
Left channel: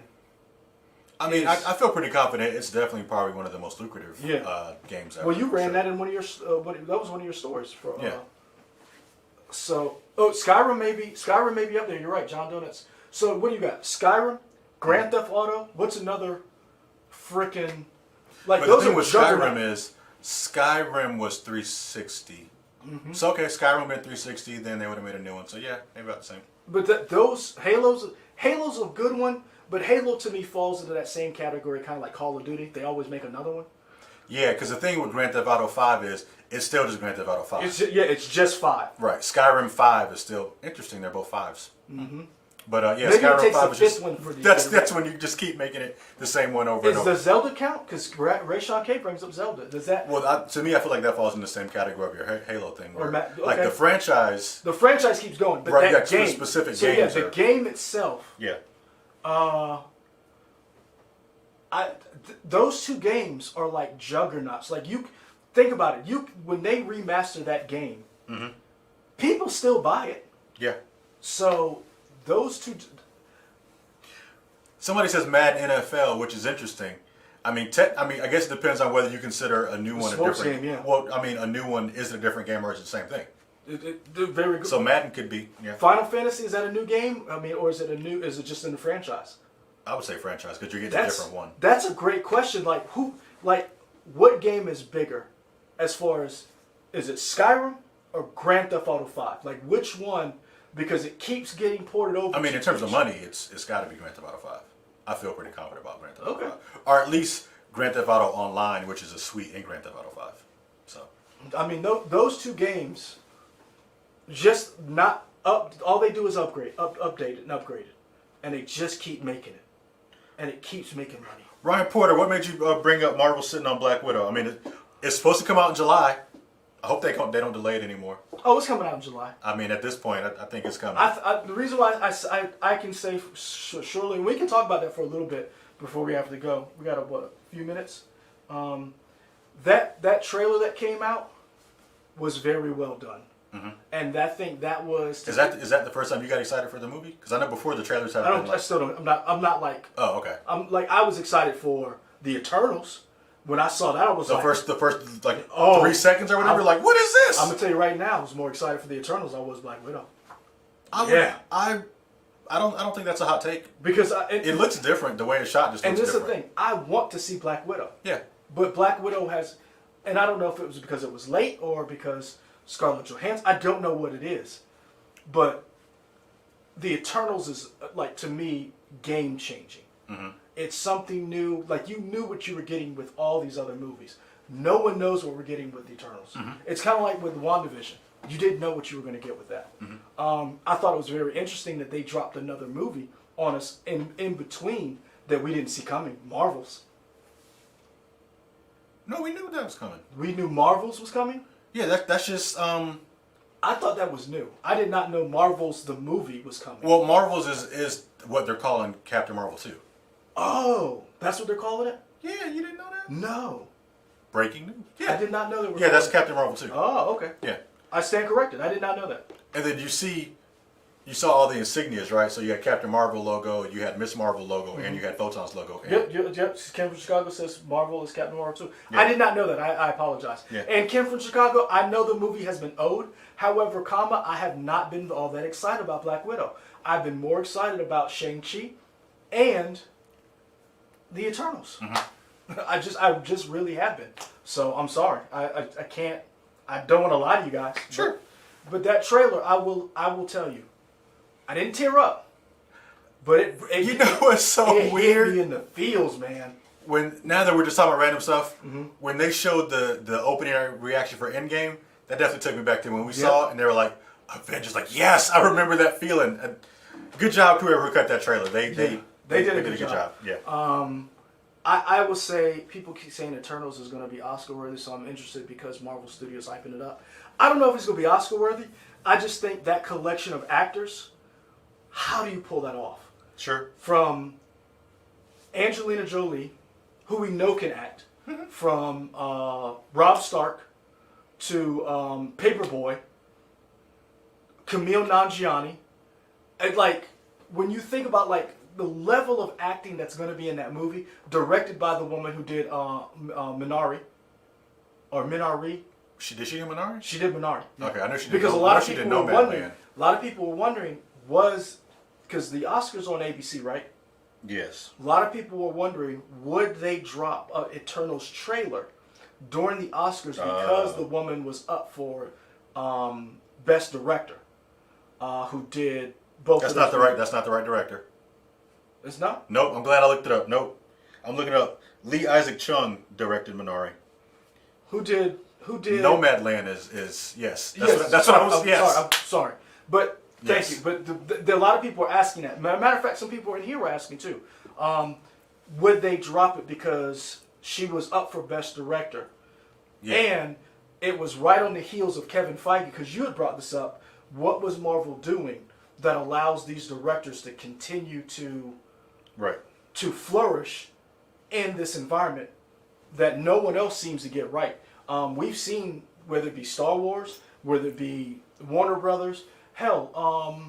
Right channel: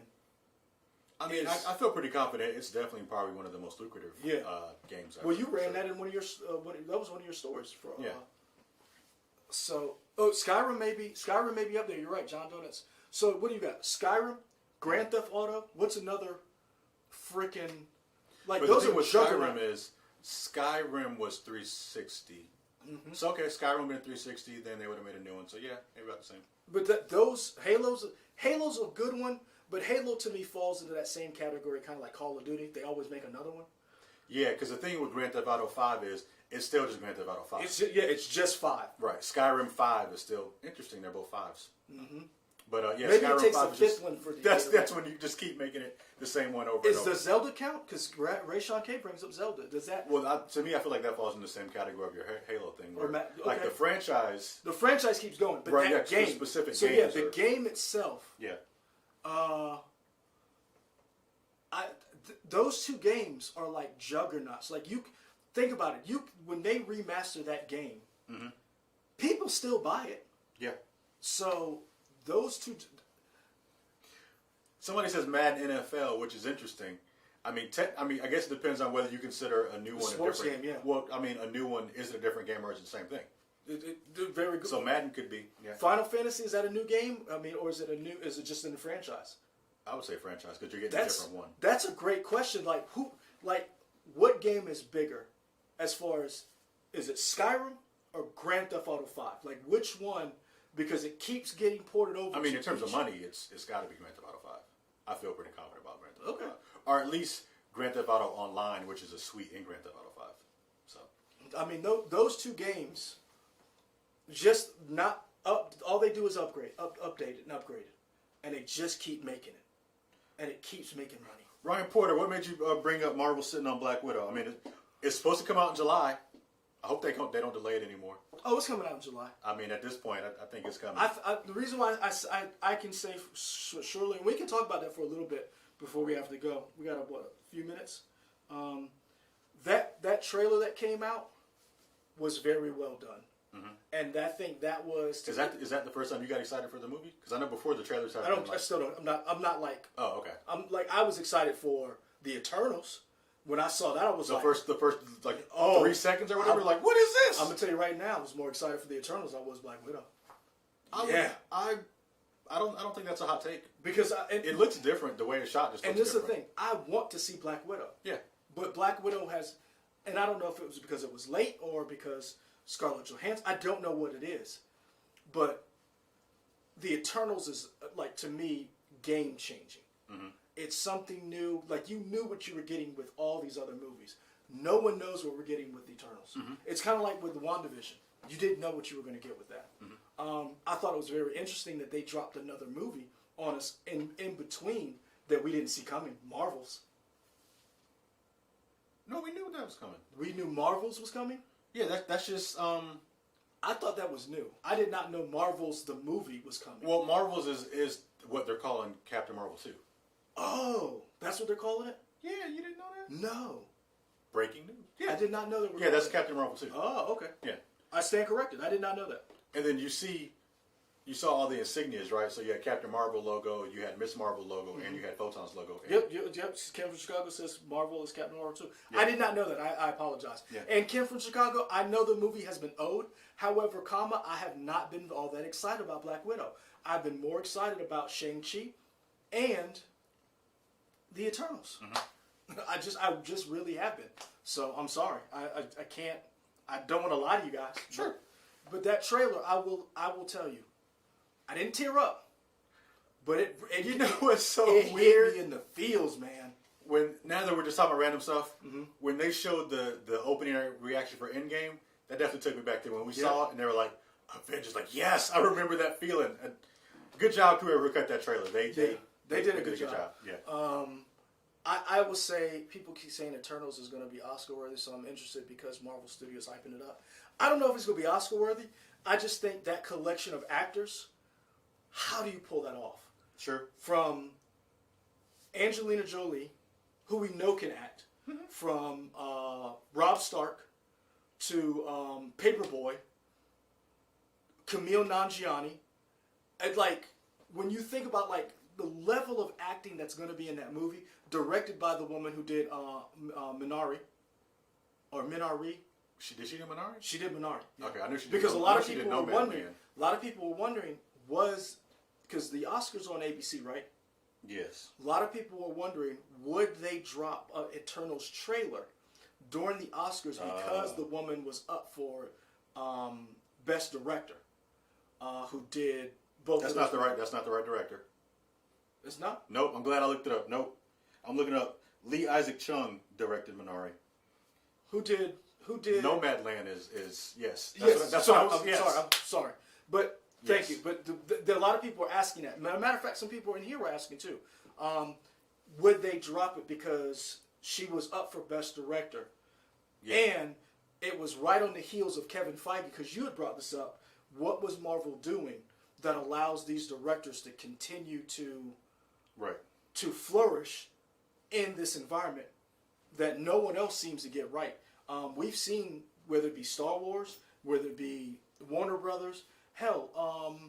I mean, I feel pretty confident. It's definitely probably one of the most lucrative games ever. Well, you ran sure. that in one of your that was one of your stores for. Yeah. So, Skyrim may be up there. You're right, John Donuts. So, what do you got? Skyrim, Grand Theft Auto. What's another freaking like? But those the thing are with juggernaut. Skyrim is Skyrim was 360. So okay, Skyrim been 360. Then they would have made a new one. So yeah, maybe about the same. But those Halo's a good one. But Halo to me falls into that same category, kind of like Call of Duty. They always make another one. Yeah, because the thing with Grand Theft Auto 5 is it's still just Grand Theft Auto 5. It's just 5. Right. Skyrim 5 is still interesting. They're both 5s. But yeah, Maybe Skyrim it takes 5 the is just fifth one for the. that's when you just keep making it the same one over and Is over. the Zelda count? Because Ray Sean K brings up Zelda. Does that? Well, to me, I feel like that falls in the same category of your Halo thing. Where, like okay. the franchise. The franchise keeps going, but Right, that yeah, game, specific so games yeah, the are- game itself. Yeah. Those two games are like juggernauts. Like you think about it. When they remaster that game, people still buy it. Yeah. So those two. Somebody says Madden NFL, which is interesting. I mean, I guess it depends on whether you consider a new one a sports different game, yeah. Well, I mean, a new one is a different game or is it the same thing? They're very good. So Madden could be. Yeah. Final Fantasy, is that a new game? I mean, or is it Is it just in the franchise? I would say franchise because you're getting a different one. That's a great question. Like what game is bigger, as far as, is it Skyrim or Grand Theft Auto 5? Like which one? Because it keeps getting ported over. I mean, to in terms of each- money, it's got to be Grand Theft Auto 5. I feel pretty confident about Grand Theft Auto Okay. 5. Or at least Grand Theft Auto Online, which is a suite in Grand Theft Auto 5. So I mean, those two games, just not All they do is update it, and upgrade it, and they just keep making it, and it keeps making money. Ryan Porter, what made you bring up Marvel sitting on Black Widow? I mean, it's supposed to come out in July. I hope they don't delay it anymore. Oh, it's coming out in July. I mean, at this point, I think it's coming. The reason why I can say surely, and we can talk about that for a little bit before we have to go. We got a few minutes. That trailer that came out was very well done. Mm-hmm. And I think that was. Is that the first time you got excited for the movie? Because I know before the trailers have. I still don't. I'm not like. Oh, okay. I was excited for the Eternals. When I saw that, I was the like. The first 3 seconds or whatever. Like, what is this? I'm gonna tell you right now, I was more excited for the Eternals than I was Black Widow. I don't think that's a hot take. Because it looks different. The way it's shot just looks different. And this is the thing. I want to see Black Widow. Yeah. But Black Widow has, and I don't know if it was because it was late or because Scarlett Johansson. I don't know what it is, but the Eternals is like, to me, game changing. Mm-hmm. It's something new. Like, you knew what you were getting with all these other movies. No one knows what we're getting with the Eternals. Mm-hmm. It's kind of like with WandaVision. You didn't know what you were going to get with that. Mm-hmm. I thought it was very interesting that they dropped another movie on us in between that we didn't see coming. Marvels. No, we knew that was coming. We knew Marvels was coming? Yeah, that's just. I thought that was new. I did not know Marvels the movie was coming. Well, Marvels is what they're calling Captain Marvel 2. Oh, that's what they're calling it? Yeah, you didn't know that? No. Breaking news. Yeah. I did not know that. Yeah, that's Captain Marvel 2. Oh, okay. Yeah. I stand corrected. I did not know that. And then you saw all the insignias, right? So you had Captain Marvel logo, you had Miss Marvel logo, mm-hmm. and you had Photon's logo. Yep. Kim from Chicago says Marvel is Captain Marvel 2. Yeah. I did not know that. I apologize. Yeah. And Kim from Chicago, I know the movie has been owed. However, I have not been all that excited about Black Widow. I've been more excited about Shang-Chi and the Eternals. Mm-hmm. I just really have been. So I'm sorry. I can't. I don't want to lie to you guys. Sure. But that trailer, I will tell you, I didn't tear up. But it you know what's so weird? Hit me in the feels, man. Now that we're just talking about random stuff, mm-hmm. when they showed the opening reaction for Endgame, that definitely took me back to when we saw it, and they were like, Avengers, like, yes, I remember that feeling. Good job, whoever cut that trailer. They did a good job. Yeah. I will say, people keep saying Eternals is going to be Oscar-worthy, so I'm interested because Marvel Studios hyping it up. I don't know if it's going to be Oscar-worthy. I just think that collection of actors, how do you pull that off? Sure. From Angelina Jolie, who we know can act, mm-hmm. from Rob Stark to Paperboy, Camille Nanjiani. And, like, when you think about, like, the level of acting that's going to be in that movie, directed by the woman who did Minari, or Minari. Did she do Minari? She did Minari. Okay, I know she did. Because a lot of people were wondering. A lot of people were wondering, because the Oscars on ABC, right? Yes. A lot of people were wondering, would they drop Eternals trailer during the Oscars because the woman was up for Best Director, who did both. That's not the right director. It's not? Nope. I'm glad I looked it up. Nope. I'm looking it up. Lee Isaac Chung directed Minari. Who did? Nomadland is yes. That's what I was. Yes. I'm sorry, but thank you. But a lot of people are asking that. Matter of fact, some people in here were asking too. Would they drop it because she was up for Best Director, and it was right on the heels of Kevin Feige? Because you had brought this up. What was Marvel doing that allows these directors to continue to flourish in this environment that no one else seems to get right? We've seen, whether it be Star Wars, whether it be Warner Brothers, hell,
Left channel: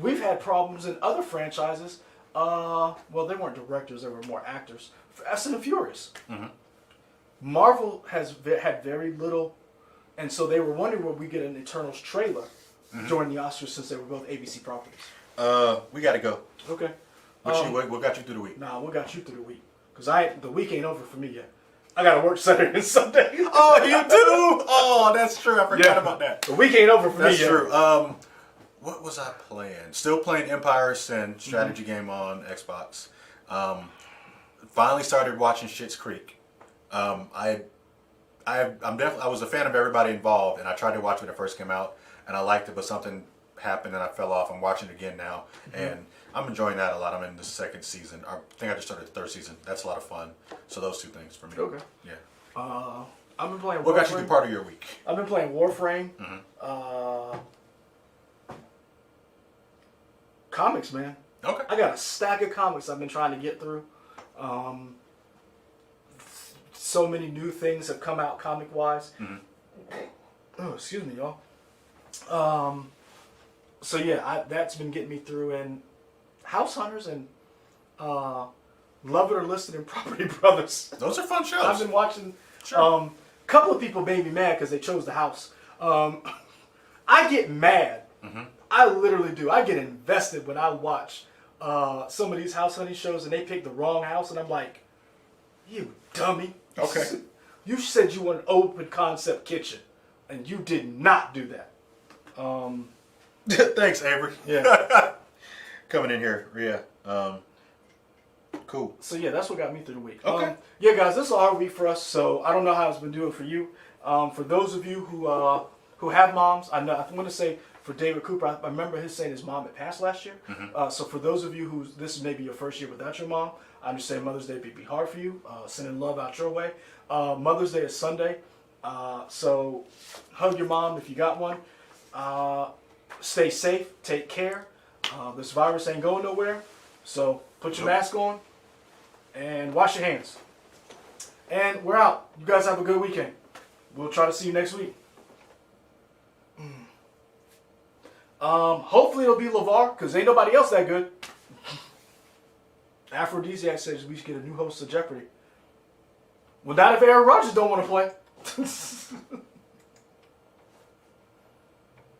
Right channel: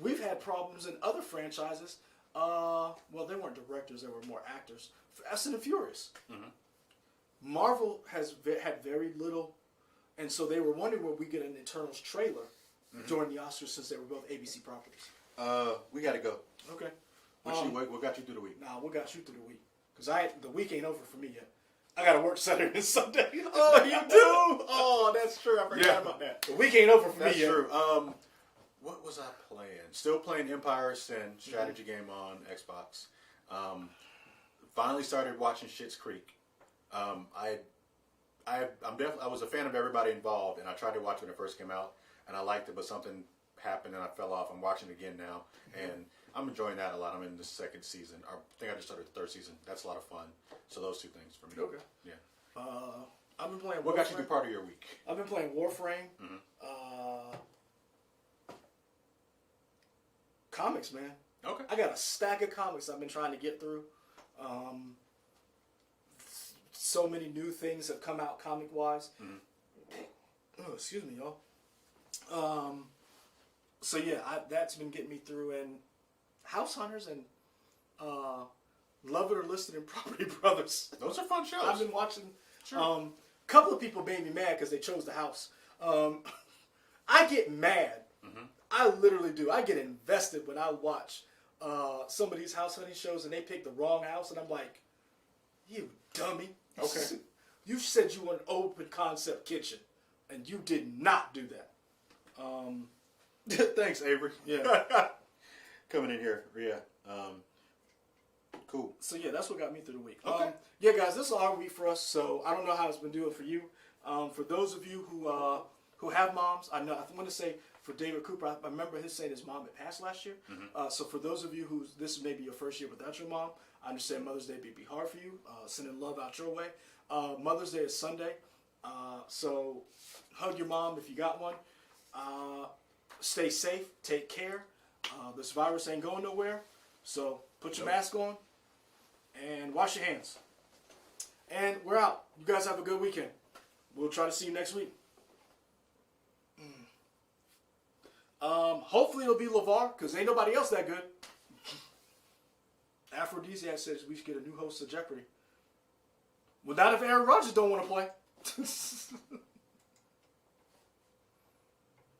we've had problems in other franchises. Well, they weren't directors; they were more actors. Fast and Furious. Mm-hmm. Marvel has had very little, and so they were wondering would we get an Eternals trailer mm-hmm. during the Oscars since they were both ABC properties. We got to go. Okay. What got you through the week? Nah, what got you through the week? Because the week ain't over for me yet. I got to work Saturday and Sunday. Oh, you do? Oh, that's true. I forgot about that. The week ain't over for me yet. That's true. What was I playing? Still playing Empire Sin strategy mm-hmm. game on Xbox. Finally started watching Schitt's Creek. I was a fan of everybody involved, and I tried to watch when it first came out. and I liked it, but something happened and I fell off. I'm watching it again now, and I'm enjoying that a lot. I'm in the second season. I think I just started the third season. That's a lot of fun. So those two things for me. Okay. Yeah. I've been playing. What got you through part of your week? I've been playing Warframe. Comics, man. Okay. I got a stack of comics I've been trying to get through. So many new things have come out comic wise. Oh, excuse me, y'all. So yeah, that's been getting me through. And House Hunters and Love It or Listed and Property Brothers. Those are fun shows. I've been watching. Sure. Couple of people made me mad because they chose the house. I get mad. I literally do. I get invested when I watch some of these house hunting shows and they pick the wrong house, and I'm like, you dummy. Okay. You said you want an open concept kitchen, and you did not do that. Thanks, Avery. Yeah. Coming in here. Yeah. Cool. So yeah, that's what got me through the week. Okay. Yeah, guys, this is a hard week for us. So I don't know how it's been doing for you. For those of you who have moms, I'm going to say for David Cooper, I remember his saying his mom had passed last year. So for those of you who this is maybe your first year without your mom, I understand Mother's Day may be hard for you. Sending love out your way. Mother's Day is Sunday, so hug your mom if you got one. Stay safe. Take care. This virus ain't going nowhere, so put your mask on and wash your hands. And we're out. You guys have a good weekend. We'll try to see you next week. Hopefully it'll be LeVar, because ain't nobody else that good. Aphrodisiac says we should get a new host of Jeopardy. Well, not if Aaron Rodgers don't want to play.